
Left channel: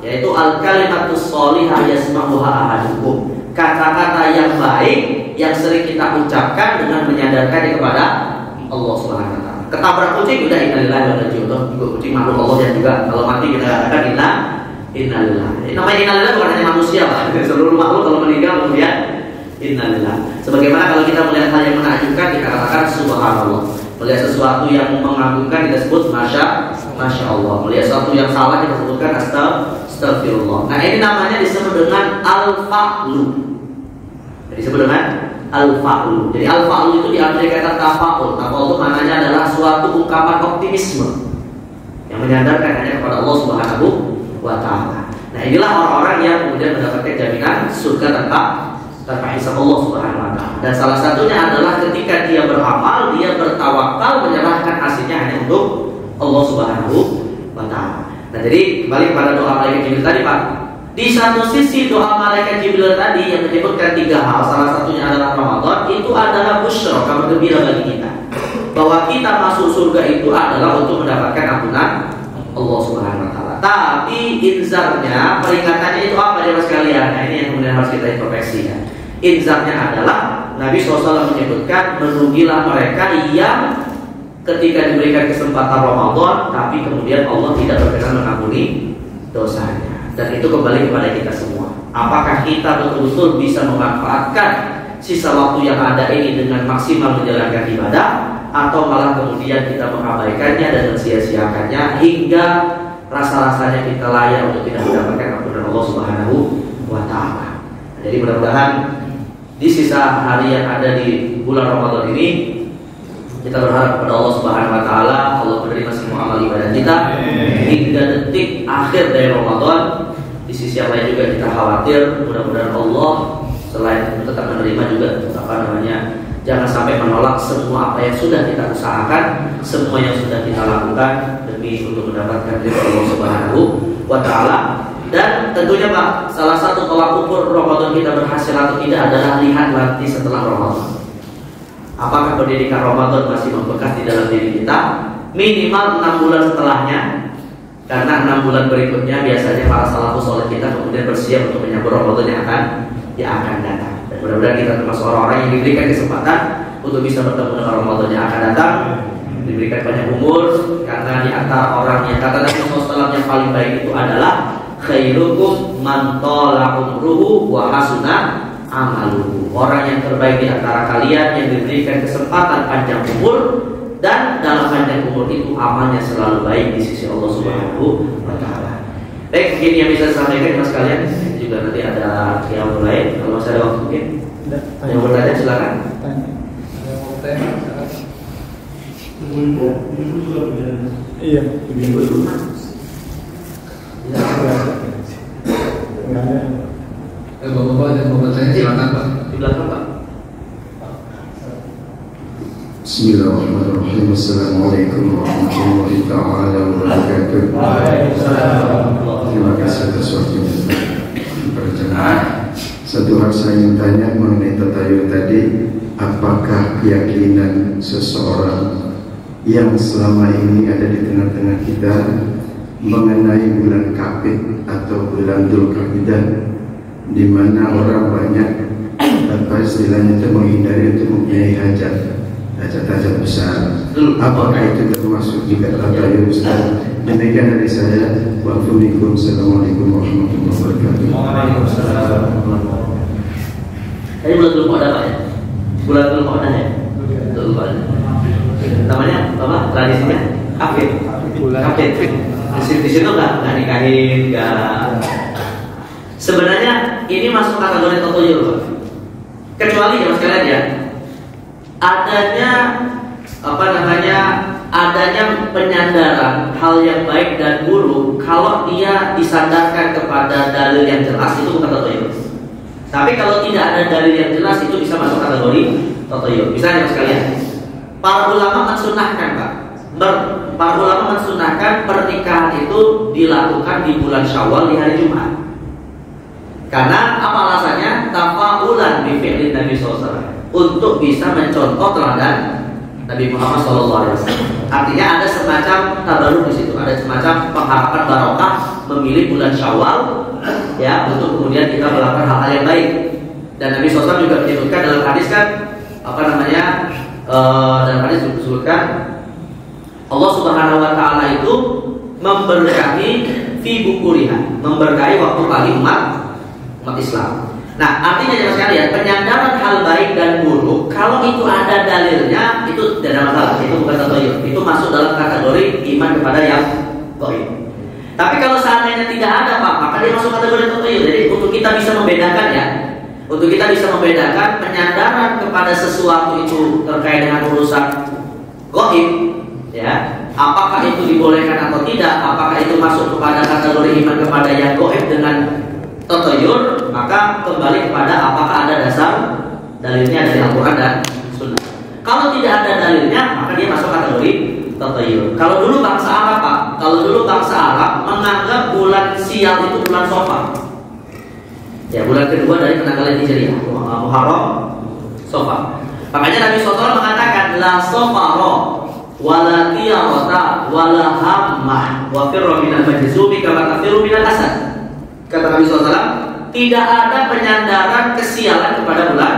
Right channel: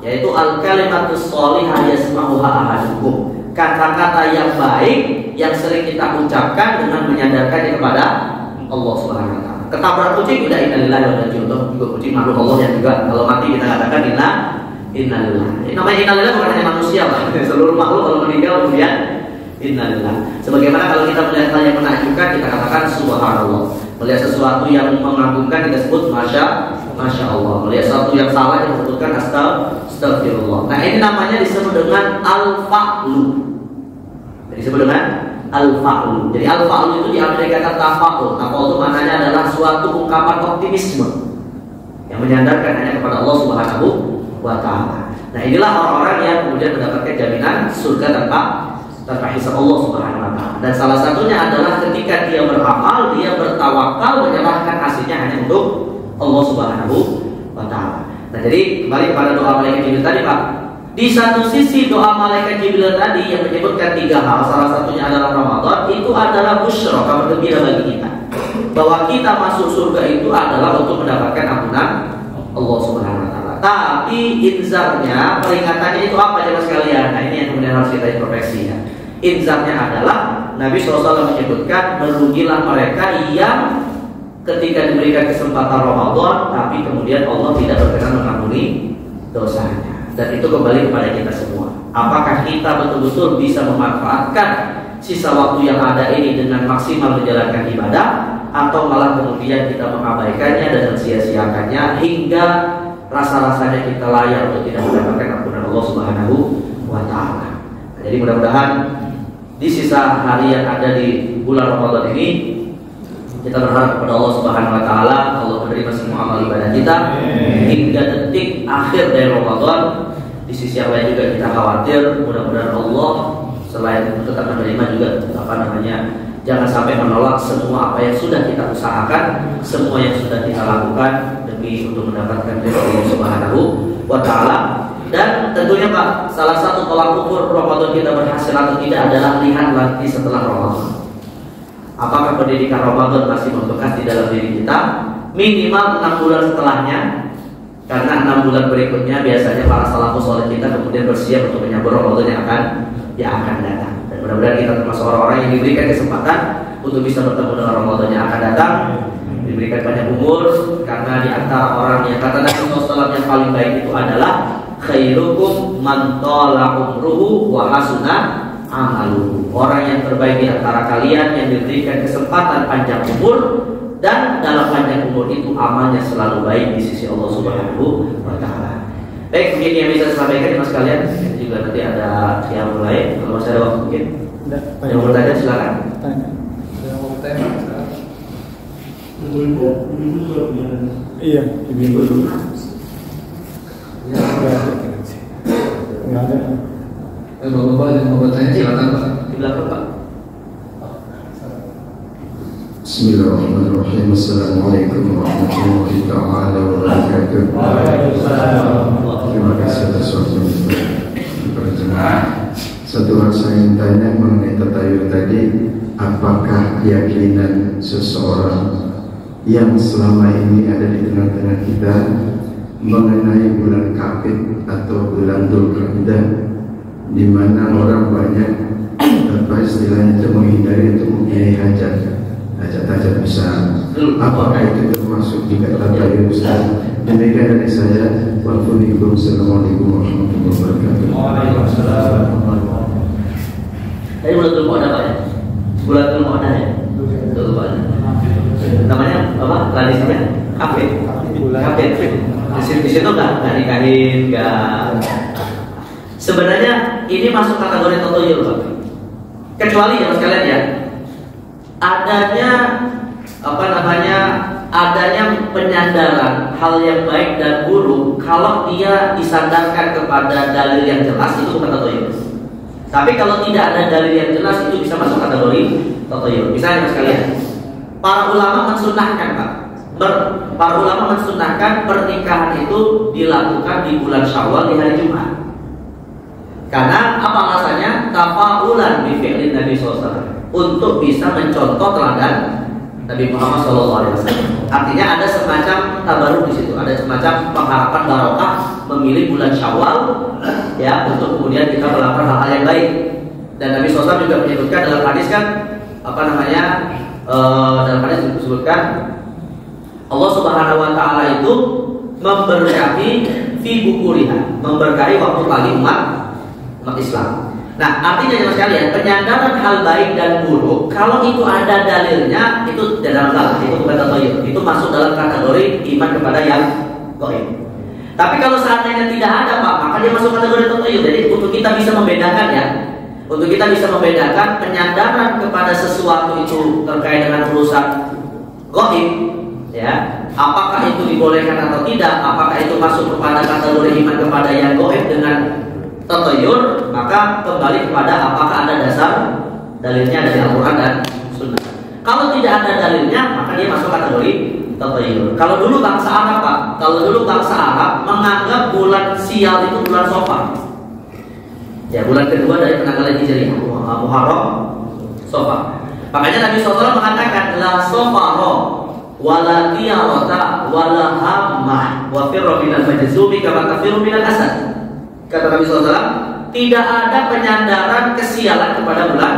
Yaitu al-kalimatus sholihah yasma'uha ahadukum. Kata-kata yang baik yang sering kita ucapkan dengan menyandarkannya kepada Allah Subhanahu Wa Taala. Ketabrak kucing udah innalillahi wa inna ilaihi raji'un. Juga kucing makhluk Allah yang juga kalau mati kita katakan innalillah. Namanya innalillah bukan hanya manusia, Pak. Seluruh makhluk kalau meninggal kemudian innalillah. Sebagaimana kalau kita melihat hal yang menakjubkan kita katakan subhanallah. Melihat sesuatu yang mengagumkan kita sebut masya Allah. Melihat sesuatu yang salah kita sebutkan astagfirullah. Nah, ini namanya disebut dengan al-fa'lu. Disebut dengan al-fa'lu. Jadi al-fa'lu itu diambil kata tafa'ul. Tafa'ul itu maknanya adalah suatu ungkapan optimisme yang menyandarkan hanya kepada Allah Subhanahu Wa Taala. Nah, inilah orang-orang yang kemudian mendapatkan jaminan surga tanpa hisab Allah Subhanahu Wa Taala. Dan salah satunya adalah ketika dia beramal, dia bertawakal menyerahkan hasilnya hanya untuk Allah Subhanahu Wa Taala. Nah, jadi kembali kepada doa malaikat Jibril tadi, Pak. Di satu sisi doa malaikat Jibril tadi yang menyebutkan 3 hal, salah satunya adalah Ramadan, itu adalah busyra, kabar gembira bagi kita, bahwa kita masuk surga itu adalah untuk mendapatkan ampunan Allah Subhanahu Wa Taala. Tapi inzarnya, peringatannya itu apa ya Mas kalian? Nah, ini yang kemudian harus kita introspeksi ya. Inzarnya adalah Nabi SAW menyebutkan merugilah mereka yang ketika diberikan kesempatan Ramadan tapi kemudian Allah tidak berkenan mengampuni dosanya. Dan itu kembali kepada kita semua. Apakah kita betul-betul bisa memanfaatkan sisa waktu yang ada ini dengan maksimal menjalankan ibadah, atau malah kemudian kita mengabaikannya dan mensia-siakannya hingga rasa-rasanya kita layak untuk tidak mendapatkan ampunan Allah Subhanahu Wa Taala. Jadi mudah-mudahan di sisa hari yang ada di bulan Ramadan ini kita berharap kepada Allah Subhanahu Wa Taala, Allah menerima semua amal ibadah kita hingga detik akhir dari Ramadan. Di sisi yang lain juga kita khawatir mudah-mudahan Allah selain tetap menerima juga jangan sampai menolak semua apa yang sudah kita usahakan, semua yang sudah kita lakukan demi untuk mendapatkan ridha Allah Subhanahu Wa Taala. Dan tentunya Pak, salah satu tolak ukur Ramadan kita berhasil atau tidak adalah lihat nanti setelah Ramadan. Apakah pendidikan Ramadan masih membekas di dalam diri kita minimal 6 bulan setelahnya, karena 6 bulan berikutnya biasanya para salafus saleh kita kemudian bersiap untuk menyambut Ramadan yang akan datang. Dan mudah-mudahan kita termasuk orang-orang yang diberikan kesempatan untuk bisa bertemu dengan Ramadan yang akan datang, diberikan banyak umur, karena di antara orang yang kata Nabi SAW yang paling baik itu adalah khairukum man tala umruhu wa hasuna amaluhu. Orang yang terbaik di antara kalian yang diberikan kesempatan panjang umur, dan dalam panjang umur itu amalnya selalu baik di sisi Allah Subhanahu Wa Taala. Baik, mungkin yang bisa disampaikan mas kalian. Juga nanti ada yang mulai. Kalau masih ada waktu mungkin yang mau bertanya silakan. Yang mau bertanya iya, Ibu dulu. Ya. Bapak-bapak yang mau bertanya silakan Pak. Di belakang Pak. Bismillahirrahmanirrahim. Assalamualaikum warahmatullahi ta'ala wabarakatuh. Terima kasih atas waktunya berjamaah. Satu hal saya ingin tanya mengenai tatayur tadi, apakah keyakinan seseorang yang selama ini ada di tengah-tengah kita mengenai bulan Kapit atau bulan Dzulqa'dah, di mana orang banyak istilahnya itu menghindari untuk mempunyai hajat besar, apakah itu termasuk juga tatayur Ustaz? Demikian dari saya. Wassalamualaikum warahmatullahi wabarakatuh. Waalaikumsalam. Tadi bulan Dzulqa'dah Pak ya? Bulan Dzulqa'dah ya? Dzulqa'dah. Namanya apa? Tradisinya Kapit. Kapit. Di situ nggak nikahin, nggak. Sebenarnya ini masuk kategori tatayur Pak. Kecuali ya mas kalian ya, adanya adanya penyandaran hal yang baik dan buruk kalau dia disandarkan kepada dalil yang jelas itu bukan tatoyur. Tapi kalau tidak ada dalil yang jelas itu bisa masuk kategori tatoyur. Misalnya sekalian, para ulama mensunnahkan Pak. Para ulama mensunnahkan pernikahan itu dilakukan di bulan Syawal di hari Jumat. Karena apa alasannya? Tafaulan bi fi'lin Nabi SAW, untuk bisa mencontoh teladan Nabi Muhammad SAW. Artinya ada semacam tabaruk di situ, ada semacam pengharapan barokah memilih bulan Syawal ya untuk kemudian kita melakukan hal-hal yang baik. Dan Nabi SAW juga menyebutkan dalam hadis kan dalam hadis disebutkan Allah Subhanahu wa taala itu memberkahi fi bukuriha, memberkahi waktu pagi umat Islam. Nah, artinya jemaah sekalian, penyandaran hal baik dan buruk kalau itu ada dalilnya itu tidak masalah, itu bukan tatoyur, itu masuk dalam kategori iman kepada yang gaib. Tapi kalau seandainya tidak ada Pak, maka dia masuk kategori tatoyur. Jadi untuk kita bisa membedakan ya, untuk kita bisa membedakan penyandaran kepada sesuatu itu terkait dengan urusan gaib, ya, apakah itu dibolehkan atau tidak, apakah itu masuk kepada kategori iman kepada yang gaib dengan tatoyur, maka kembali kepada apakah ada dasar dalilnya dari Al-Quran dan Sunnah. Kalau tidak ada dalilnya, maka dia masuk kategori tatoyur. Kalau dulu bangsa Arab Pak, kalau dulu bangsa Arab menganggap bulan Sial itu bulan Safar. Ya, bulan kedua dari penanggalan Hijriah, Muharram, Safar. Makanya Nabi SAW mengatakan la Safara wala qiyarata wala hammah wa firra minal majzumi kama tafiru minal asad. Kata Nabi SAW, tidak ada penyandaran kesialan kepada bulan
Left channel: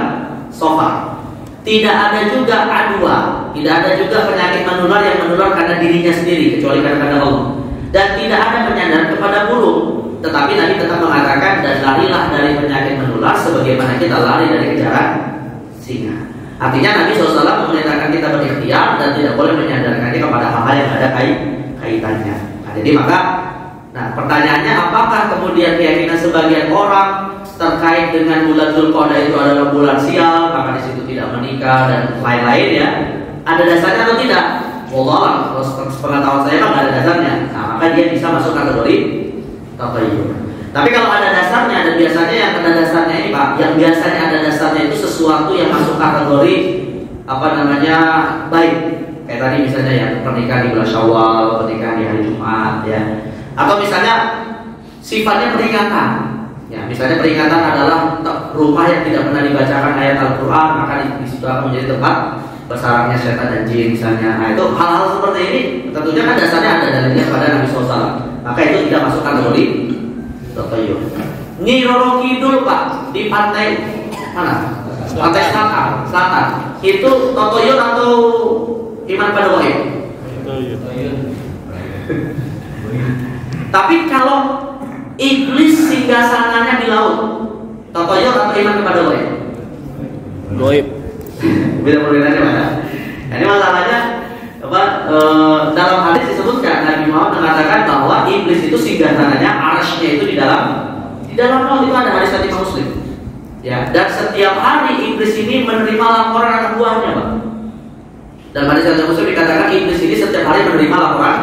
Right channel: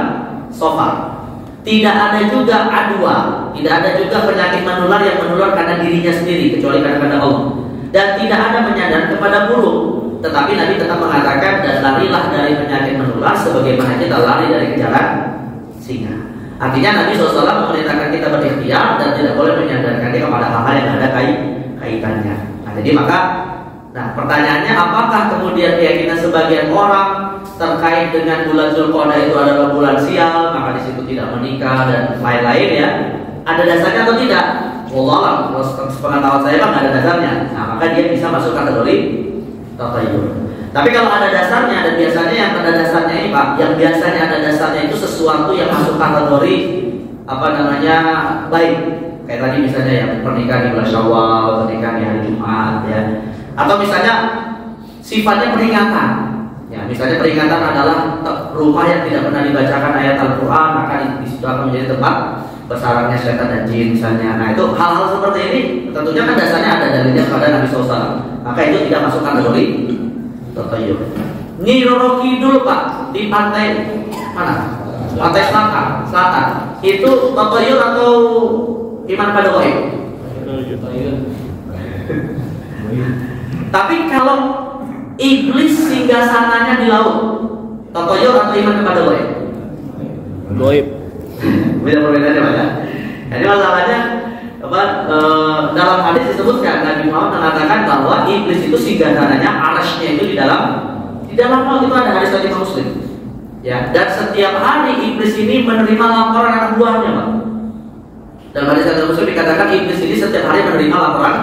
Safar. Tidak ada juga adwa, tidak ada juga penyakit menular yang menular karena dirinya sendiri kecuali karena Allah. Dan tidak ada penyandaran kepada burung. Tetapi Nabi tetap mengatakan dan larilah dari penyakit menular sebagaimana kita lari dari kejaran singa. Artinya Nabi SAW memerintahkan kita berikhtiar dan tidak boleh menyandarkannya kepada hal-hal yang ada kaitannya. Jadi Nah, pertanyaannya apakah kemudian keyakinan sebagian orang terkait dengan bulan Dzulqa'dah itu adalah bulan sial, maka di situ tidak menikah dan lain-lain ya? Ada dasarnya atau tidak? Wallah, sepengetahuan saya Pak, ada dasarnya. Nah, maka dia bisa masuk kategori tatayyur. Tapi kalau ada dasarnya, dan biasanya yang ada dasarnya ini Pak, yang biasanya ada dasarnya itu sesuatu yang masuk kategori baik. Kayak tadi misalnya ya, pernikahan di bulan Syawal, pernikahan di hari Jumat ya. Atau misalnya sifatnya peringatan. Ya, misalnya peringatan adalah rumah yang tidak pernah dibacakan ayat Al-Quran, maka di situ akan menjadi tempat bersarangnya setan dan jin misalnya. Nah, itu hal-hal seperti ini tentunya kan dasarnya ada dalilnya pada Nabi SAW. Maka itu tidak masuk kategori tatayyur. Nyi Roro Kidul Pak di pantai mana? Pantai selatan. Itu tatayyur atau iman pada gaib? Tatayyur. Tapi kalau iblis singgah sananya di laut, tatayyur atau iman kepada gaib? Gaib. Bila perbedaannya mana? Ini masalahnya dalam hadis disebutkan Nabi Muhammad mengatakan bahwa iblis itu singgah sananya, arasnya itu di dalam laut. Itu ada hadis dari Muslim. Ya, dan setiap hari iblis ini menerima laporan anak buahnya, Pak. Dalam hadis dari Muslim dikatakan iblis ini setiap hari menerima laporan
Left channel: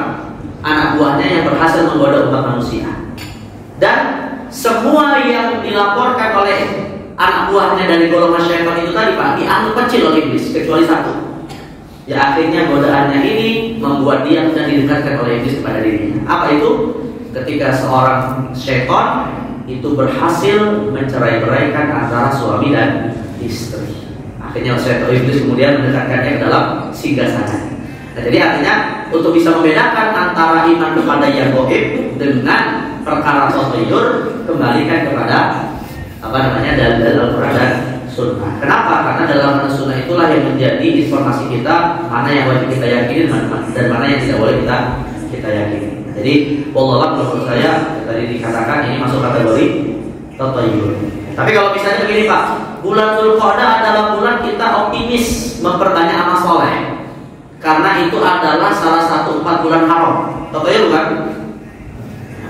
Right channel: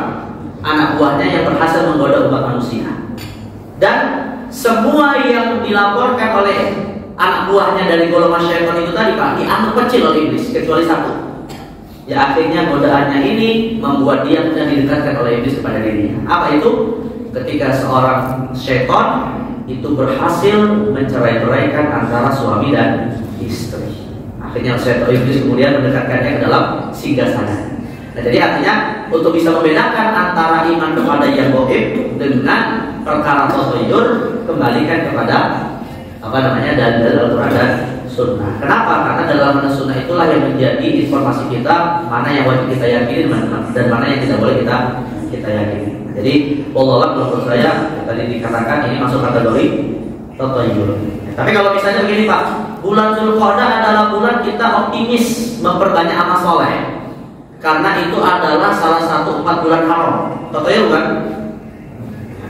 anak buahnya yang berhasil menggoda umat manusia. Dan semua yang dilaporkan oleh anak buahnya dari golongan syaitan itu tadi Pak, dianggap kecil oleh iblis kecuali satu. Ya, akhirnya godaannya ini membuat dia mudah didekatkan oleh iblis kepada dirinya. Apa itu? Ketika seorang syaitan itu berhasil mencerai-beraikan antara suami dan istri. Akhirnya syaitan iblis kemudian mendekatkannya ke dalam singgasana. Nah, jadi artinya untuk bisa membedakan antara iman kepada yang gaib dengan perkara tatayyur, kembalikan kepada dalil Al-Quran dan Sunnah. Kenapa? Karena dalam Sunnah itulah yang menjadi informasi kita mana yang wajib kita yakini dan mana yang tidak boleh kita yakini. Jadi, wallah menurut saya tadi dikatakan ini masuk kategori tatayyur. Tapi kalau misalnya begini Pak, bulan Dzulqa'dah adalah bulan kita optimis memperbanyak amal soleh. Karena itu adalah salah satu 4 bulan haram. Tatayyur bukan?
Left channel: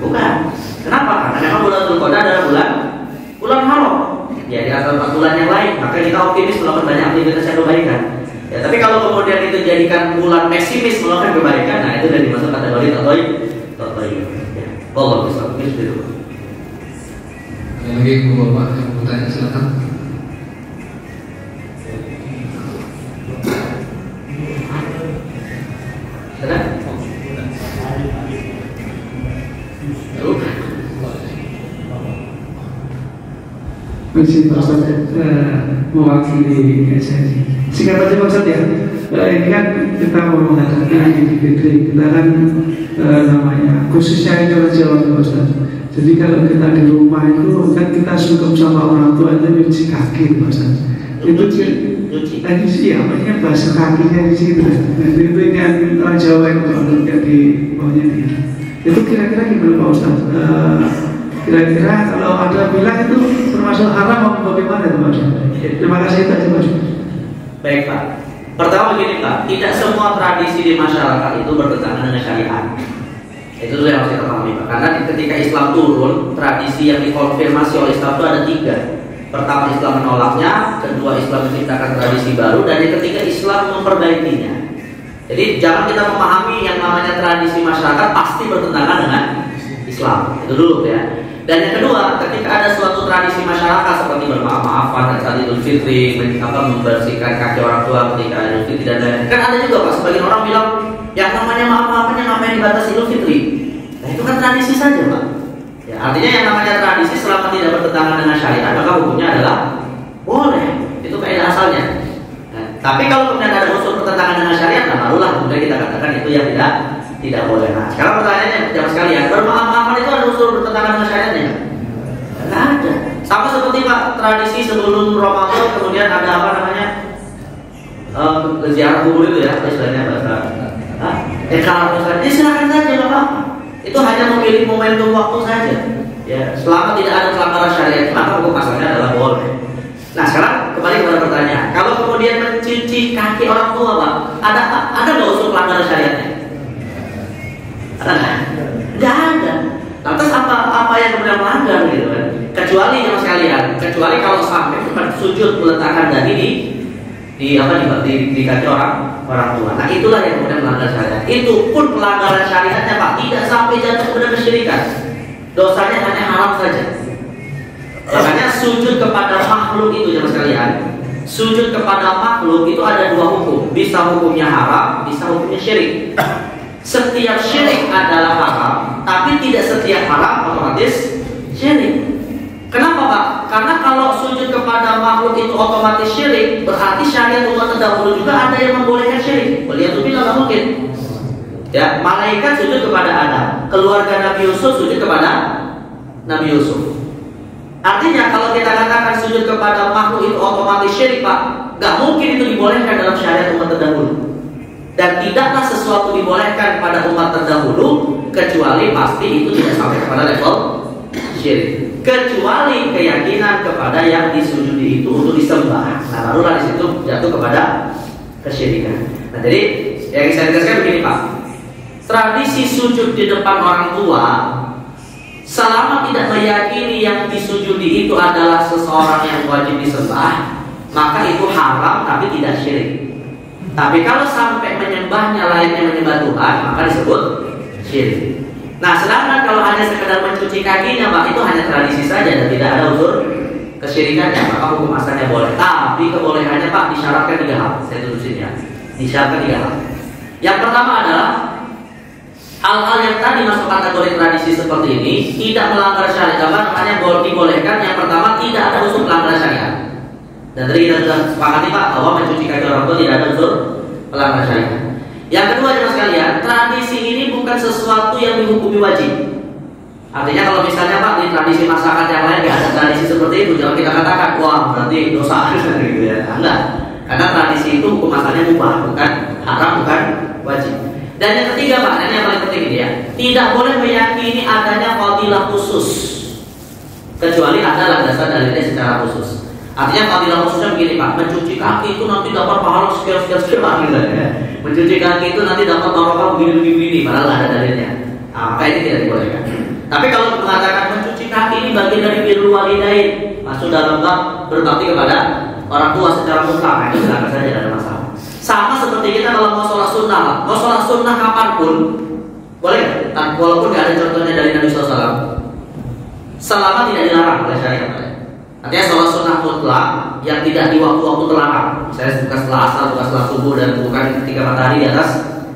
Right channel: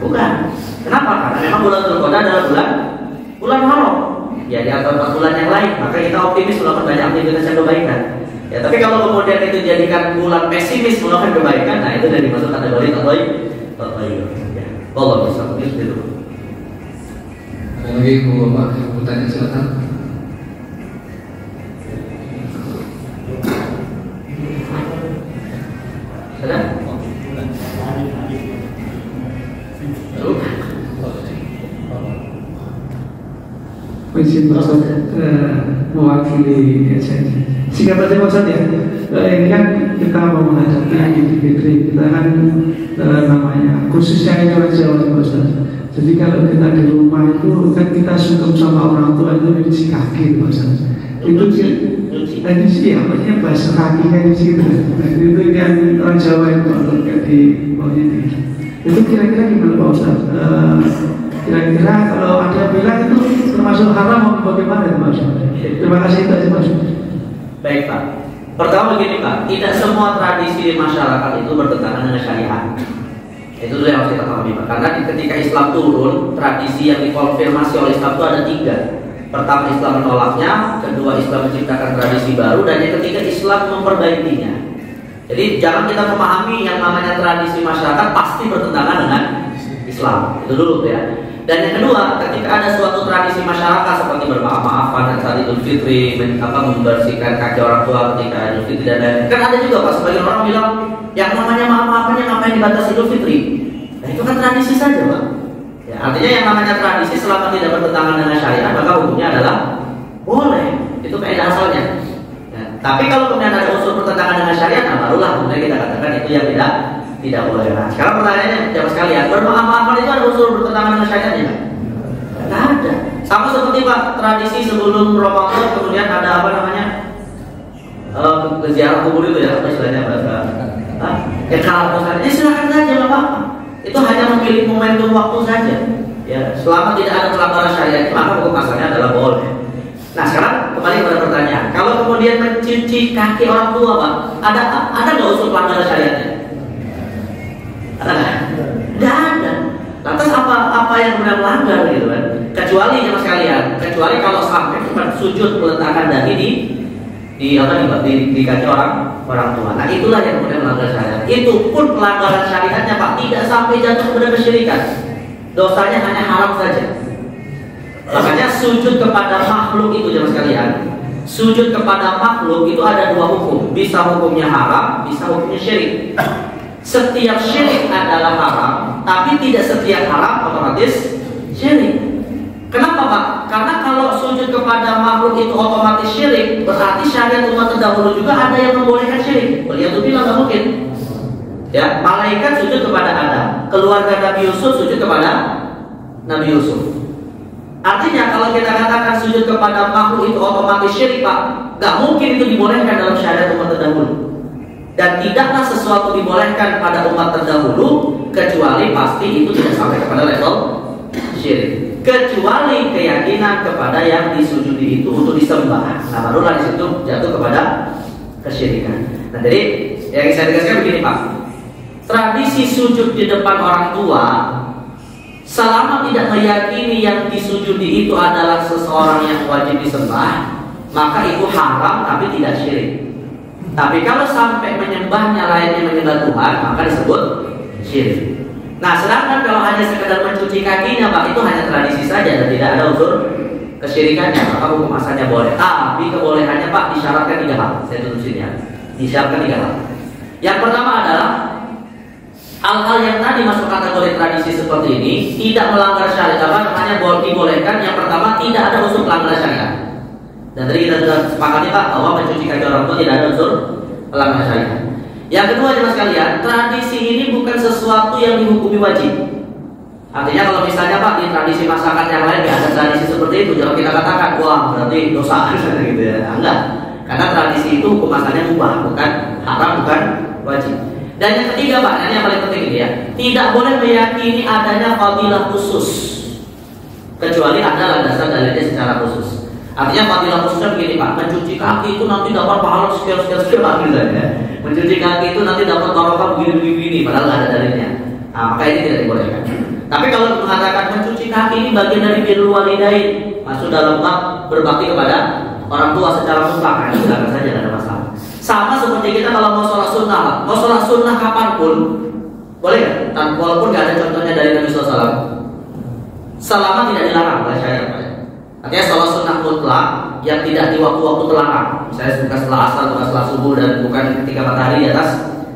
Bukan. Kenapa? Karena memang bulan Dzulqa'dah adalah bulan haram. Ya, di antara 4 bulan yang lain, maka kita optimis melakukan banyak aktivitas yang kebaikan. Ya, tapi kalau kemudian itu jadikan bulan pesimis melakukan kebaikan, nah itu dari masuk kategori tatoyur. Ya, Allah bisa begitu. Lagi Bapak yang bertanya silakan. Ada? Masih Pak Ustaz mewakili SNI. Singkat saja Pak Ustaz ya. Ini kan kita mau menghadapi Idul Fitri. Kita kan namanya khususnya Indonesia Pak Ustaz. Jadi kalau kita di rumah itu kan kita sungkem sama orang tua aja cuci kaki Pak Ustaz. Itu tadi sih apanya bahasa kakinya di situ. Jadi itu yang orang Jawa yang kalau di bawahnya itu. Itu kira-kira gimana Pak Ustaz? Kira-kira kalau ada bilang itu termasuk haram atau bagaimana itu Pak? Terima kasih Pak. Baik Pak. Pertama begini Pak, tidak semua tradisi di masyarakat itu bertentangan dengan syariat. Itu dulu yang harus kita pahami Pak. Karena ketika Islam turun, tradisi yang dikonfirmasi oleh Islam itu ada 3. Pertama Islam menolaknya, kedua Islam menciptakan tradisi baru, dan yang ketiga Islam memperbaikinya. Jadi jangan kita memahami yang namanya tradisi masyarakat pasti bertentangan dengan Islam. Itu dulu ya. Dan yang kedua, ketika ada suatu tradisi masyarakat seperti bermaaf-maafan dan saat Idul Fitri, membersihkan kaki orang tua ketika Idul Fitri dan lain-lain. Kan ada juga Pak, sebagian orang bilang yang namanya maaf-maafannya ngapain dibatasi Idul Fitri? Nah itu kan tradisi saja Pak. Ya, artinya yang namanya tradisi selama tidak bertentangan dengan syariat maka hukumnya adalah boleh. Itu kaidah asalnya. Nah, tapi kalau kemudian ada unsur bertentangan dengan syariat, nah barulah kemudian kita katakan itu yang tidak boleh. Nah, sekarang pertanyaannya jawab sekalian, bermaaf-maafan itu ada unsur bertentangan dengan syariatnya? Tidak ada. Sama seperti Pak, tradisi sebelum Ramadan kemudian ada apa namanya? Ziarah kubur itu ya, apa istilahnya bahasa? Kalau misalnya, silakan saja Pak. Itu hanya memilih momentum waktu saja. Ya, selama tidak ada pelanggaran syariat, maka hukum asalnya adalah boleh. Nah, sekarang kembali kepada pertanyaan. Kalau kemudian mencuci kaki orang tua, Pak, ada nggak unsur pelanggaran syariatnya? Ada nggak? Nggak ada. Lantas apa yang kemudian melanggar gitu kan? Kecuali sama sekalian, kecuali kalau sampai sujud meletakkan daging di kaki orang tua. Nah itulah yang kemudian melanggar syariat. Itu pun pelanggaran syariatnya Pak tidak sampai jatuh kepada kesyirikan. Dosanya hanya haram saja. Makanya sujud kepada makhluk itu jemaah sekalian. Sujud kepada makhluk itu ada 2 hukum. Bisa hukumnya haram, bisa hukumnya syirik. Setiap syirik adalah haram, tapi tidak setiap haram otomatis syirik. Kenapa Pak? Karena kalau sujud kepada makhluk itu otomatis syirik, berarti syariat umat terdahulu juga ada yang membolehkan syirik. Waliyadzubillah nggak mungkin. Ya, malaikat sujud kepada Adam, keluarga Nabi Yusuf sujud kepada Nabi Yusuf. Artinya kalau kita katakan sujud kepada makhluk itu otomatis syirik Pak, nggak mungkin itu dibolehkan dalam syariat umat terdahulu. Dan tidaklah sesuatu dibolehkan pada umat terdahulu kecuali pasti itu tidak sampai kepada level syirik. Kecuali keyakinan kepada yang disujudi itu untuk disembah. Nah barulah di situ jatuh kepada kesyirikan. Nah jadi yang saya jelaskan begini Pak, tradisi sujud di depan orang tua selama tidak meyakini yang disujudi itu adalah seseorang yang wajib disembah, maka itu haram tapi tidak syirik. Tapi kalau sampai menyembahnya lainnya menyembah Tuhan, maka disebut syirik. Nah, sedangkan kalau hanya sekedar mencuci kakinya, Pak, itu hanya tradisi saja dan tidak ada unsur kesyirikannya, maka hukum asalnya boleh. Tapi kebolehannya, Pak, disyaratkan 3 hal. Saya tulisin ya. Disyaratkan 3 hal. Yang pertama adalah hal-hal yang tadi masuk kategori tradisi seperti ini tidak melanggar syariat, dibolehkan. Yang pertama tidak ada unsur pelanggaran syariat. Dan tadi kita sudah sepakati Pak bahwa mencuci kaki orang tua tidak ada unsur pelanggaran syariat. Yang kedua jemaah sekalian, tradisi ini bukan sesuatu yang dihukumi wajib. Artinya kalau misalnya Pak di tradisi masyarakat yang lain nggak ada tradisi seperti itu, jangan kita katakan wah berarti dosa gitu ya. Enggak. Karena tradisi itu hukum asalnya mubah, bukan haram, bukan wajib. Dan yang ketiga Pak, ini yang paling penting ini ya, tidak boleh meyakini adanya fadilah khusus kecuali ada landasan dalilnya secara khusus. Artinya fadilah khususnya begini Pak, mencuci kaki itu nanti dapat pahala sekian gitu ya. Mencuci kaki itu nanti dapat barokah begini, padahal ada dalilnya. Nah, maka ini tidak dibolehkan. Tapi kalau mengatakan mencuci kaki ini bagian dari birrul walidain, masuk dalam bab berbakti kepada orang tua secara mutlak, itu tidak saja ada masalah. Sama seperti kita kalau mau sholat sunnah lah. Mau sholat sunnah kapanpun boleh nggak? Walaupun nggak ada contohnya dari Nabi SAW, selama tidak dilarang oleh syariat. Artinya sholat sunnah mutlak yang tidak di waktu-waktu terlarang. Misalnya bukan setelah asar, bukan setelah subuh, dan bukan ketika matahari di atas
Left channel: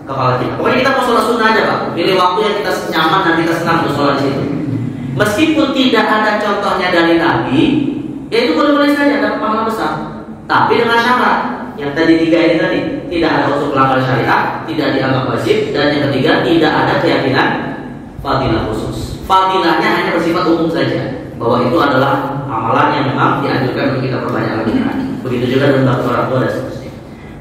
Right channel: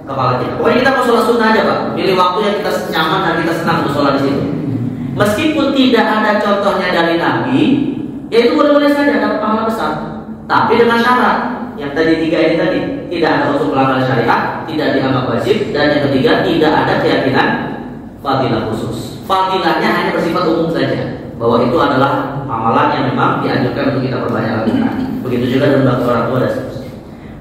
kepala kita. Pokoknya kita mau sholat sunnah aja Pak. Pilih waktu yang kita nyaman dan kita senang untuk sholat di situ. Meskipun tidak ada contohnya dari Nabi, ya itu boleh-boleh saja dapat pahala besar. Tapi dengan syarat yang tadi 3 ini tadi, tidak ada unsur pelanggaran syariat, tidak dianggap wajib, dan yang ketiga tidak ada keyakinan fadilah khusus. Fadilahnya hanya bersifat umum saja, bahwa itu adalah amalan yang memang dianjurkan untuk kita perbanyak lakukan. Begitu juga dengan bantu orang tua dan seterusnya.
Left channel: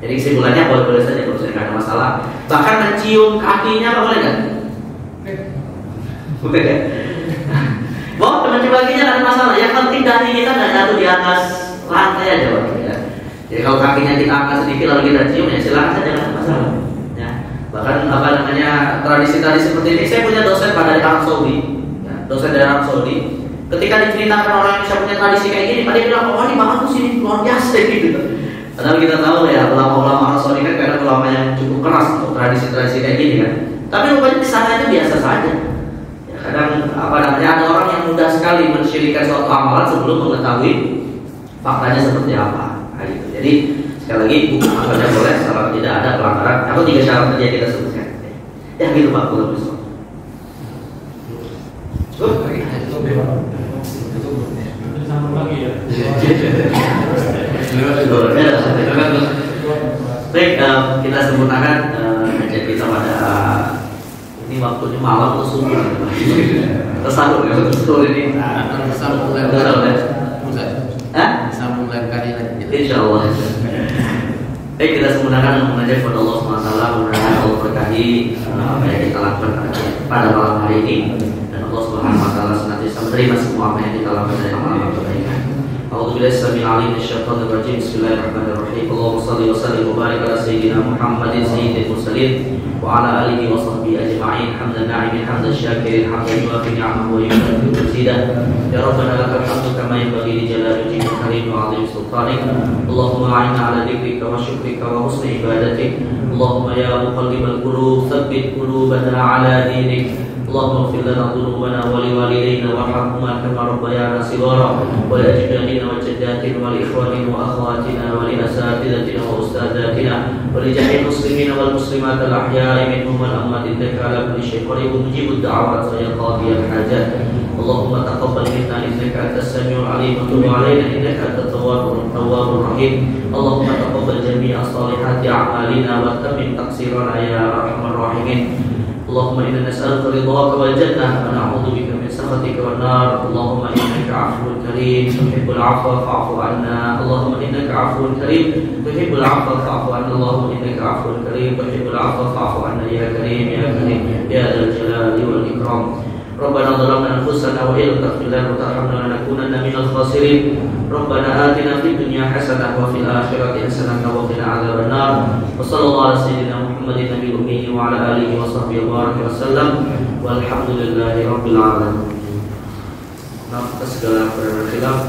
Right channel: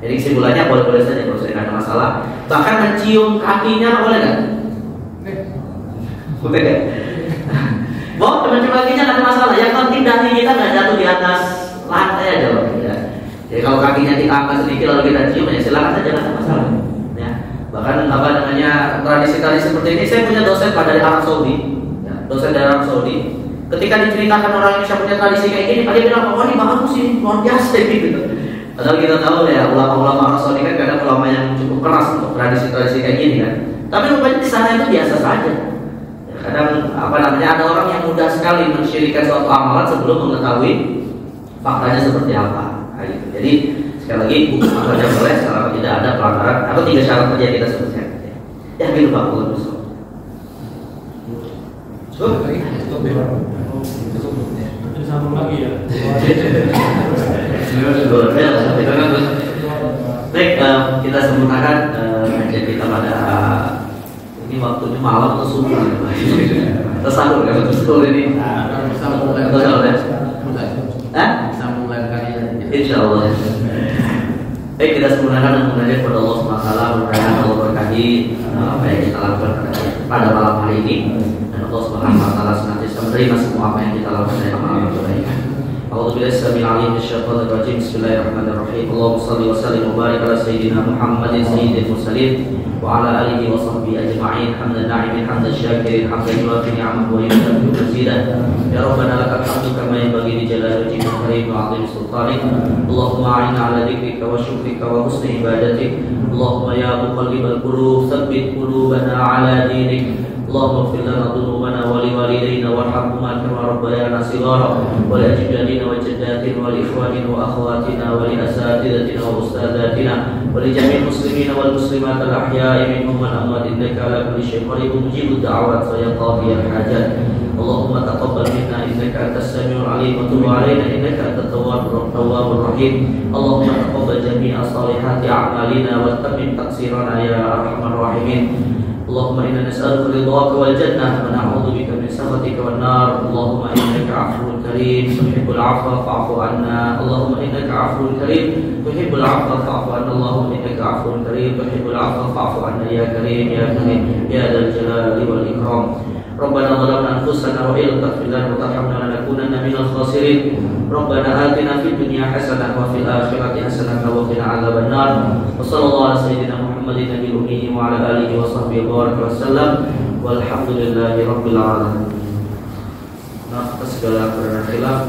Jadi kesimpulannya boleh-boleh saja, kalau saya nggak ada masalah. Bahkan mencium kakinya boleh nggak? Boleh nggak? Boleh mencium kakinya nggak ada masalah. Yang penting dahi kita nggak jatuh di atas lantai aja, Pak. Ya. Jadi kalau kakinya diangkat sedikit lalu kita cium, ya silakan saja, nggak masalah. Ya. Bahkan tradisi-tradisi seperti ini, saya punya dosen dari Arab Saudi, ya, dosen dari Arab Saudi. Ketika diceritakan orang Indonesia punya tradisi kayak gini, dia bilang, oh ini bagus sih, luar biasa gitu. Padahal kita tahu ya, ulama-ulama Arab Saudi kan kadang ulama yang cukup keras untuk tradisi-tradisi kayak gini kan. Tapi rupanya di sana itu biasa saja. Ya, kadang ada orang yang mudah sekali mensyirikan suatu amalan sebelum mengetahui faktanya seperti apa. Nah, gitu. Jadi sekali lagi bukan saja boleh selama tidak ada pelanggaran atau 3 syarat saja kita sebutkan. Ya gitu Pak, boleh. Baik, kita sempurnakan ngajar kita pada ini waktunya malam atau subuh. Tersahur ya, betul ini. Insya Allah. Baik, kita sempurnakan mengajak kepada Allah SWT. Mudah-mudahan Allah berkahi apa yang kita lakukan pada malam hari ini, dan Allah SWT senantiasa menerima semua apa yang kita lakukan dari amal kebaikan. A'udzubillahi samil alim minasyaitonir rajim. Bismillahirrahmanirrahim. Allahumma shalli wa sallim wa barik ala sayyidina Muhammadin sayyidil mursalin wa ala alihi wa sahbihi ajma'in. Hamdan na'imin hamdan syakirin hamdan yuwafi ni'amahu wa yukafi'u mazidah. Ya Rabbana lakal hamdu kama yanbaghi li jalali wajhikal karim wa 'azimi sultanik. Allahumma a'inna ala dzikrika wa syukrika wa husni ibadatik. Allahumma ya muqallibal qulub tsabbit qulubana ala dinik. اللهم اغفر لنا ذنوبنا ولوالدينا وارحمهما كما ربيانا صغارا ولأجدادنا وجداتنا ولإخواننا وأخواتنا ولأساتذتنا وأستاذاتنا ولجميع المسلمين والمسلمات الأحياء منهم والأموات إنك على كل شيء قدير مجيب الدعوات ويا قاضي الحاجات. اللهم تقبل منا إنك أنت السميع العليم وتب علينا إنك أنت التواب الرحيم. اللهم تقبل جميع صالحات أعمالنا وتمم تقصيرنا يا أرحم الراحمين. اللهم إنا نسألك رضاك والجنة ونعوذ بك من سخطك والنار. اللهم إنك عفو كريم تحب العفو فاعف عنا. اللهم إنك عفو كريم تحب العفو فاعف عنا. اللهم إنك عفو كريم تحب العفو فاعف عنا يا كريم يا كريم يا ذا الجلال والإكرام. ربنا ظلمنا أنفسنا وإن لم تغفر لنا وترحمنا لنكونن من الخاسرين. ربنا آتنا في الدنيا حسنة وفي الآخرة حسنة وقنا عذاب النار. وصلى الله على سيدنا محمد النبي الأمي وعلى آله وصحبه وبارك وسلم والحمد لله رب العالمين. Maaf atas segala perbedaan khilaf.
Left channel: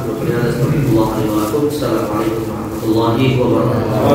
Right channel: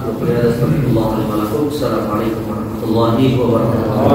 Assalamualaikum warahmatullahi wabarakatuh.